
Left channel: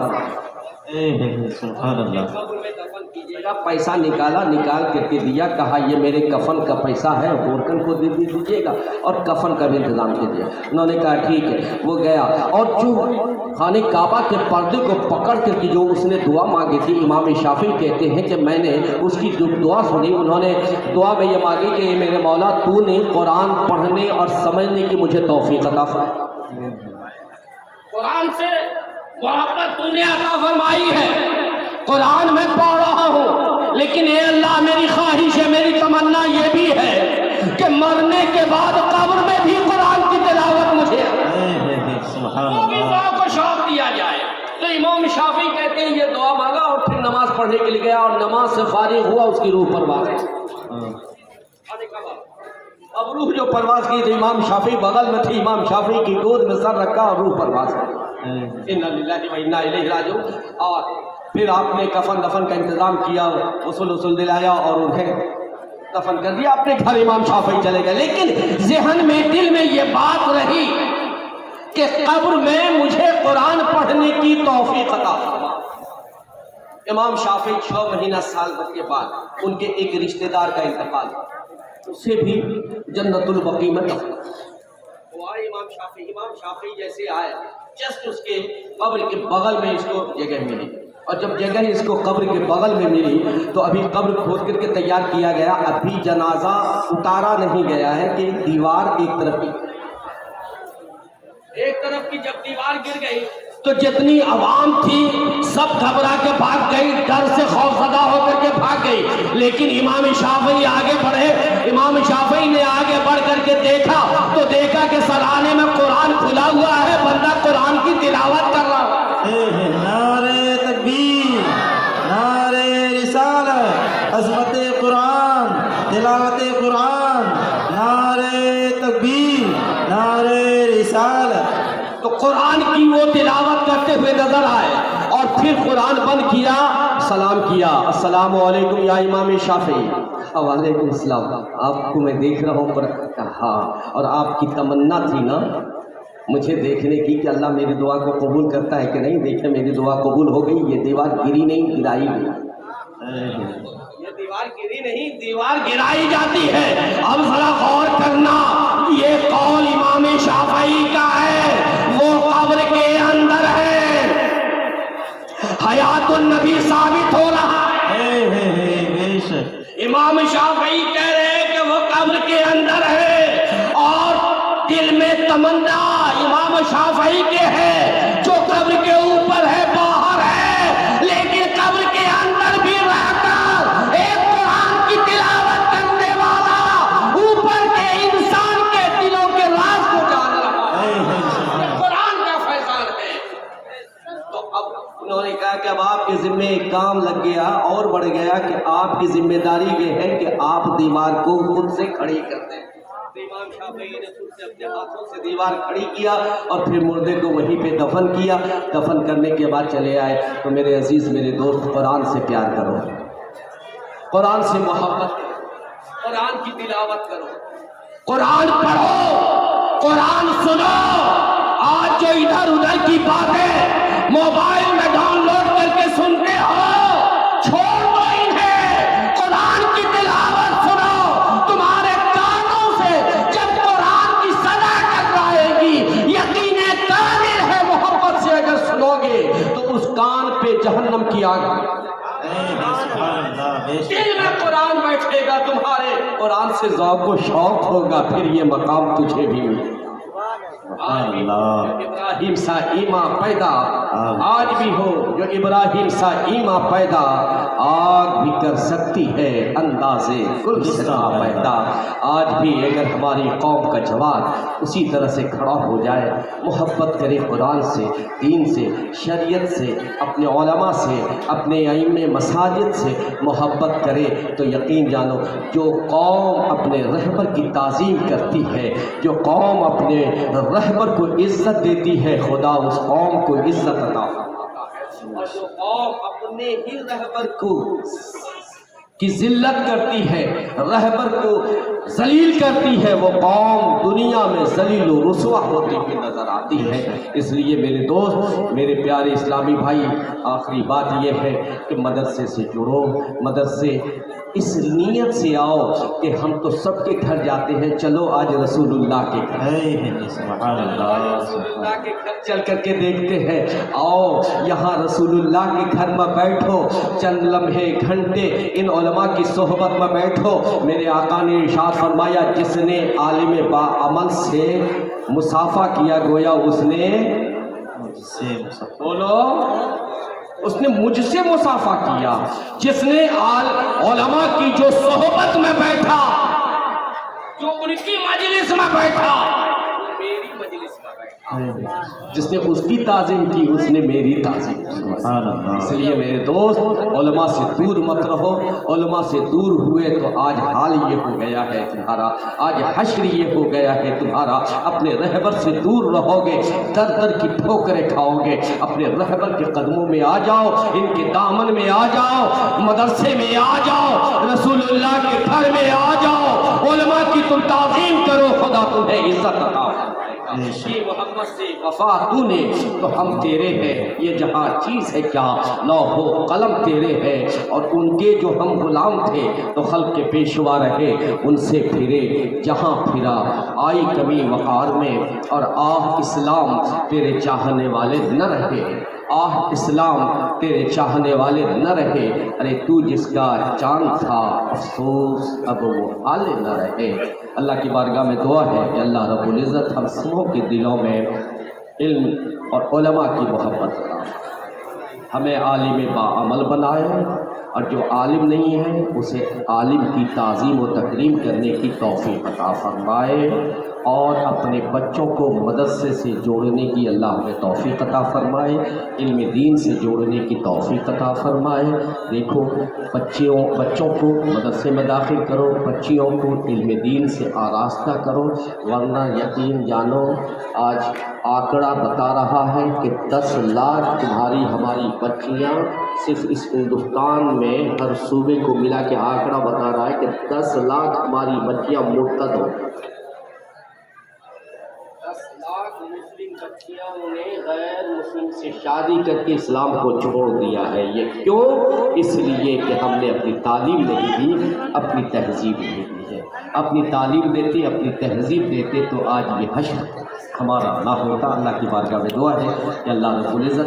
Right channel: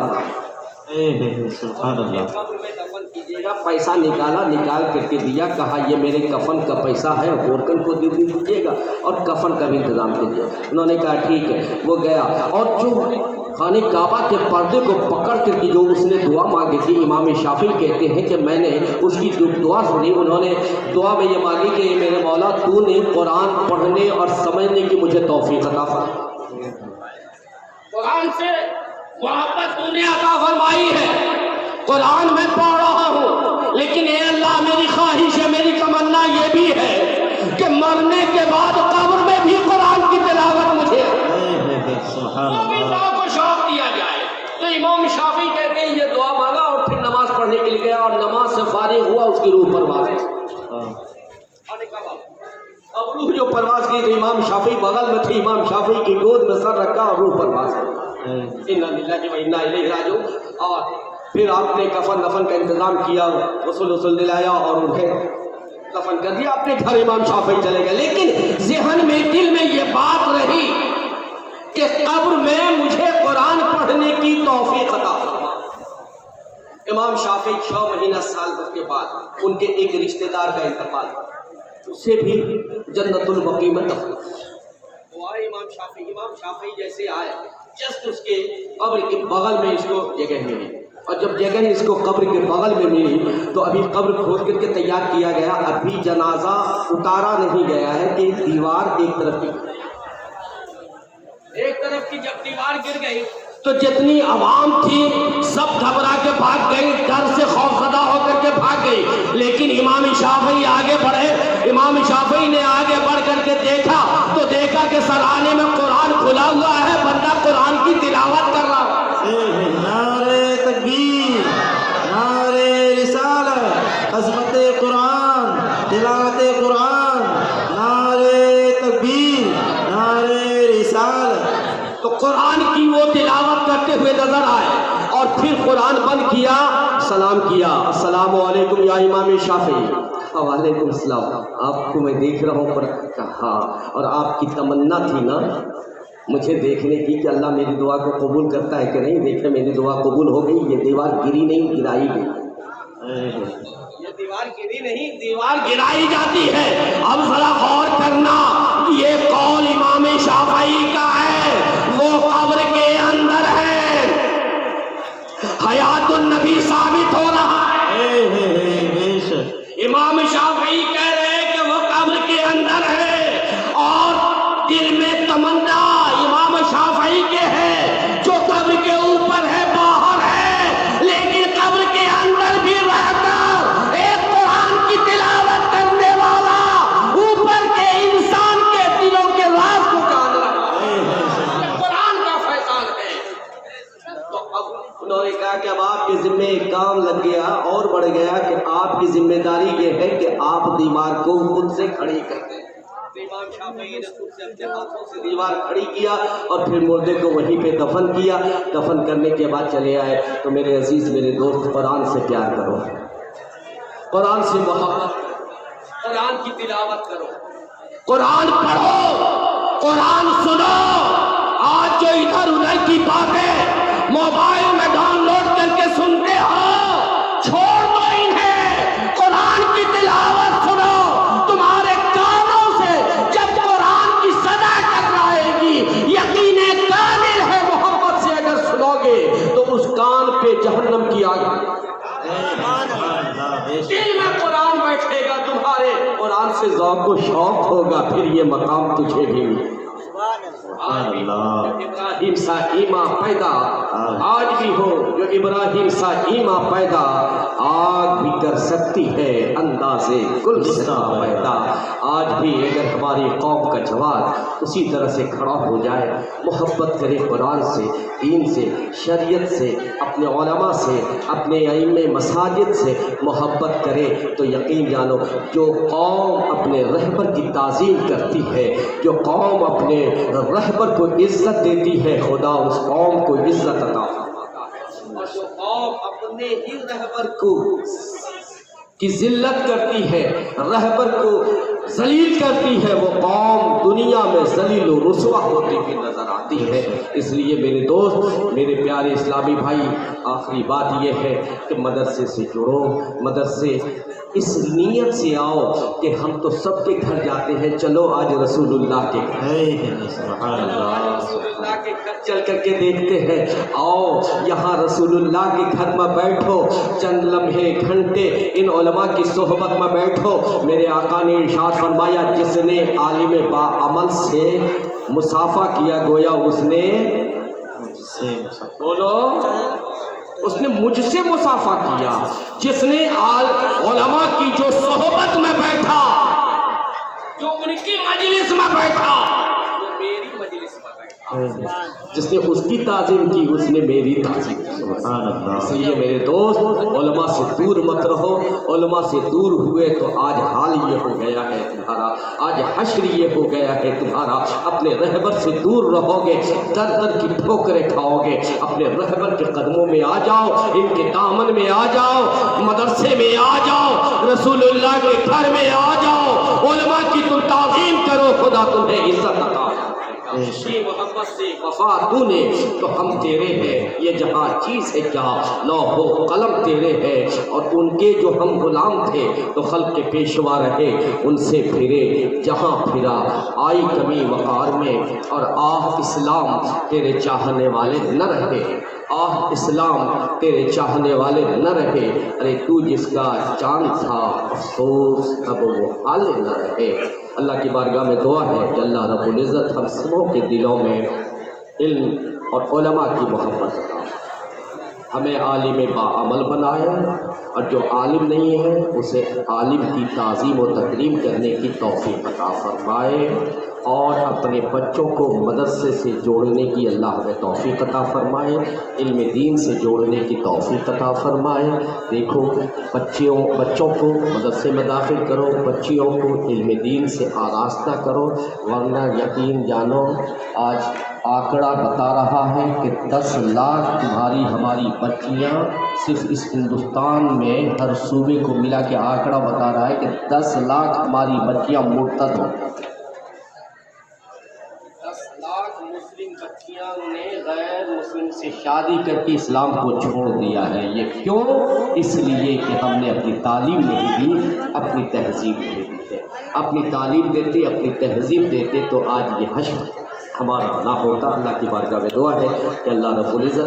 قبر میں دفن کیجیے گا. پیسہ نکال کر کے دیا. کہا یہ میرے کفن کا پیسہ ہے, گورکن کو دے دیجیے گا اور کفن کا بھی انتظام کیجیے. انہوں نے کہا ٹھیک ہے. وہ گیا اور جو خانہ کعبہ کے پردے کو پکڑ کر کے جو اس نے دعا مانگی تھی, امام شافعی کہتے ہیں کہ میں نے اس کی جو دعا سنی, انہوں نے دعا میں یہ مانگی کہ میرے مولا تو نے قرآن پڑھنے اور سمجھنے کی مجھے توفیق عطا فرما. قرآن سے محبت تو نے عطا فرمائی ہے, قرآن میں پڑھ رہا ہوں, لیکن اے اللہ میری خواہش ہے, میری تمنا یہ بھی ہے کہ مرنے کے بعد قبر میں بھی قرآن کی تلاوت مجھے وہ بھی ذوق و شوق دیا جائے. تو امام شافعی کہتے ہیں یہ دعا مانگا اور پھر نماز پڑھنے کے لیے گیا, اور نماز سے فارغ ہوا اس کی روح پرواز. اب روح جو پرواز کی تھی, امام شافعی بغل میں تھی, امام شافعی کی گود میں سر رکھا اور روح پرواز. انا للہ و انا الیہ راجعون. اور پھر آپ نے کفن دفن کا انتظام کیا, غسل دلایا اور انہیں دفن کر دیا. اپنے گھر امام شافعی چلے گئے. لیکن ذہن میں دل میں یہ بات رہی کہ قبر میں مجھے قرآن پڑھنے کی توفیق عطا فرما. امام شافعی 6 مہینہ سال بھر کے بعد ان کے ایک رشتہ دار کا انتقال, اسے بھی جنت البقیع میں وہ آئے. امام شافعی جیسے آئے, جسٹ اس کے قبر کے بغل میں اس کو جگہ ملی, اور جب جگہ اس کو قبر کے بغل میں ملی تو ابھی قبر کھود کر کے تیار کیا گیا, ابھی جنازہ اتارا نہیں گیا ہے کہ دیوار ایک طرف کی جب دیوار گر گئی تو جتنی عوام تھی سب گھبرا کے بھاگ گئی, ڈر سے خوفزدہ ہو کر کے بھاگ گئی. لیکن امام شافعی آگے بڑھے. امام شافعی نے آگے بڑھ کر کے دیکھا تو دیکھا کہ سرانے میں قرآن کھلا ہوا ہے, بندہ قرآن کی تلاوت کر رہا ہے. نعرہ تکبیر, نعرہ رسالت, عظمت قرآن, تلاوت قرآن, نعرہ تکبیر, نعرہ رسالت. تو قرآن کی وہ تلاوت کرتے ہوئے نظر آئے, اور پھر قرآن بند کیا, سلام کیا, السلام علیکم یا امام شافعی. وعلیکم السلام, آپ کو میں دیکھ رہا ہوں. پر کہا اور آپ کی تمنا تھی نا مجھے دیکھنے کی کہ اللہ میری دعا کو قبول کرتا ہے کہ نہیں. دیکھیں میری دعا قبول ہو گئی, یہ دیوار گری نہیں, گرائی گئی. یہ دیوار گری نہیں, دیوار گرائی جاتی ہے. اب ذرا غور کرنا, یہ قول امام شافعی کا ہے, وہ قبر کے اندر ہے, حیات النبی ثابت ہو رہا ہے. امام شافعی کہہ رہے ہیں کہ وہ قبر کے اندر ہے, اور دل میں تمنا امام شافعی کے ہے جو قبر کے اوپر ہے, باہر ہے, لیکن قبر کے اندر بھی رہ کر کی ذمہ داری یہ ہے کہ آپ دیوار کو خود سے کھڑی کر دیں۔ امام شافعی نے خود سے اپنے ہاتھوں سے دیوار کھڑی کیا اور پھر مردے کو وہیں پہ دفن کیا۔ دفن کرنے کے بعد چلے آئے۔ تو میرے عزیز میرے دوست، قرآن سے پیار کرو، قرآن سے محبت کرو، قرآن کی تلاوت کرو، قرآن پڑھو، قرآن سنو۔ آج جو ادھر ادھر کی باتیں موبائل میں ڈاؤن لوڈ کر کے سنتے ہو، چھوڑ دو انہیں، قرآن کی تلاوت سنو۔ تمہارے کانوں سے جب قرآن کی صدا ٹکرائے گی، یقین کامل ہے محبت سے اگر سنو گے تو اس کان پہ جہنم کی آگ، دل میں قرآن بیٹھے گا تمہارے، قرآن سے ذوق و شوق ہوگا، پھر یہ مقام تجھے بھی ملے۔ ابراہیم سا ایمان پیدا آج بھی ہو، جو ابراہیم سا ایمان پیدا آگ بھی کر سکتی ہے اندازے گل سنا پیدا۔ آج بھی اگر ہماری قوم کا جوان اسی طرح سے کھڑا ہو جائے، محبت کرے قرآن سے، دین سے، شریعت سے، اپنے علماء سے، اپنے ائمہ مساجد سے محبت کرے، تو یقین جانو جو قوم اپنے رہبر کی تعظیم کرتی ہے، جو قوم اپنے رہبر کو عزت دیتی ہے، خدا اس قوم کو عزت عطا فرماتا ہے۔ اور جو قوم اپنے ہی رہبر کو کی ذلت کرتی ہے، رہبر کو ذلیل کرتی ہے، وہ قوم دنیا میں ذلیل و رسوا ہوتی ہوئی نظر آتی ہے۔ اس لیے میرے دوست، میرے پیارے اسلامی بھائی، آخری بات یہ ہے کہ مدرسے سے جڑو، مدرسے اس نیت سے آؤ کہ ہم تو سب کے گھر جاتے ہیں، چلو آج رسول اللہ کے گھر، آج رسول اللہ کے گھر چل کر کے دیکھتے ہیں، آؤ یہاں رسول اللہ کے گھر میں بیٹھو، چند لمحے گھنٹے ان علماء کی صحبت میں بیٹھو۔ میرے آقا نے ارشاد فرمایا، جس نے عالم با عمل سے مصافحہ کیا گویا اس نے بولو، اس نے مجھ سے مصافحہ کیا۔ جس نے علماء کی جو صحبت میں بیٹھا، جو ان کی مجلس میں بیٹھا، وہ میری مجلس میں بیٹھا۔ جس نے اس کی تعظیم کی، اس نے میری تعظیم کی۔ اس لیے میرے دوست، علماء سے دور مت رہو۔ علماء سے دور ہوئے تو آج حال یہ ہو گیا ہے تمہارا، آج حشر یہ ہو گیا ہے تمہارا۔ اپنے رہبر سے دور رہو گے، در در کی ٹھوکریں کھاؤ گے۔ اپنے رہبر کے قدموں میں آ جاؤ، ان کے دامن میں آ جاؤ، مدرسے میں آ جاؤ، رسول اللہ کے گھر میں آ جاؤ، علماء کی تم تعظیم کرو، خدا تمہیں عزت عطا فرمائے گا۔ یہ محمد سے وفا تو نے تو ہم تیرے ہیں، یہ جہاں چیز ہے کیا، لوح و قلم تیرے ہیں، اور ان کے جو ہم غلام تھے تو خلق کے پیشوا رہے، ان سے پھرے جہاں پھرا، آئی کمی وقار میں، اور آہ اسلام تیرے چاہنے والے نہ رہے، آہ اسلام تیرے چاہنے والے نہ رہے۔ ارے تو جس کا چاند تھا، افسوس اب وہ حال نہ رہے۔ اللہ کی بارگاہ میں دعا ہے کہ اللہ رب العزت ہم سبوں کے دلوں میں علم اور علماء کی محبت بنائے، ہمیں عالم باعمل بنائے، اور جو عالم نہیں ہے اسے عالم کی تعظیم و تکریم کرنے کی توفیق عطا فرمائے، اور اپنے بچوں کو مدرسے سے جوڑنے کی اللہ ہمیں توفیق عطا فرمائے، علم دین سے جوڑنے کی توفیق عطا فرمائے۔ دیکھو بچوں کو مدرسے میں داخل کرو، بچیوں کو علم دین سے آراستہ کرو، ورنہ یقین جانو آج آنکڑا بتا رہا ہے کہ 10 لاکھ تمہاری ہماری بچیاں صرف اس ہندوستان میں ہر صوبے کو ملا کے آنکڑا بتا رہا ہے کہ 10 لاکھ ہماری بچیاں مرتد ہو، 10 لاکھ مسلم بچیاں نے غیر مسلم سے شادی کر کے اسلام کو چھوڑ دیا ہے۔ یہ کیوں؟ اس لیے کہ ہم نے اپنی تعلیم نہیں دی، اپنی تہذیب نہیں دی ہے۔ اپنی تعلیم دیتے، اپنی تہذیب دیتے تو آج یہ حشر ہمارا نہ ہوتا۔ اللہ کی بارگاہ میں دعا ہے کہ اللہ رب العزت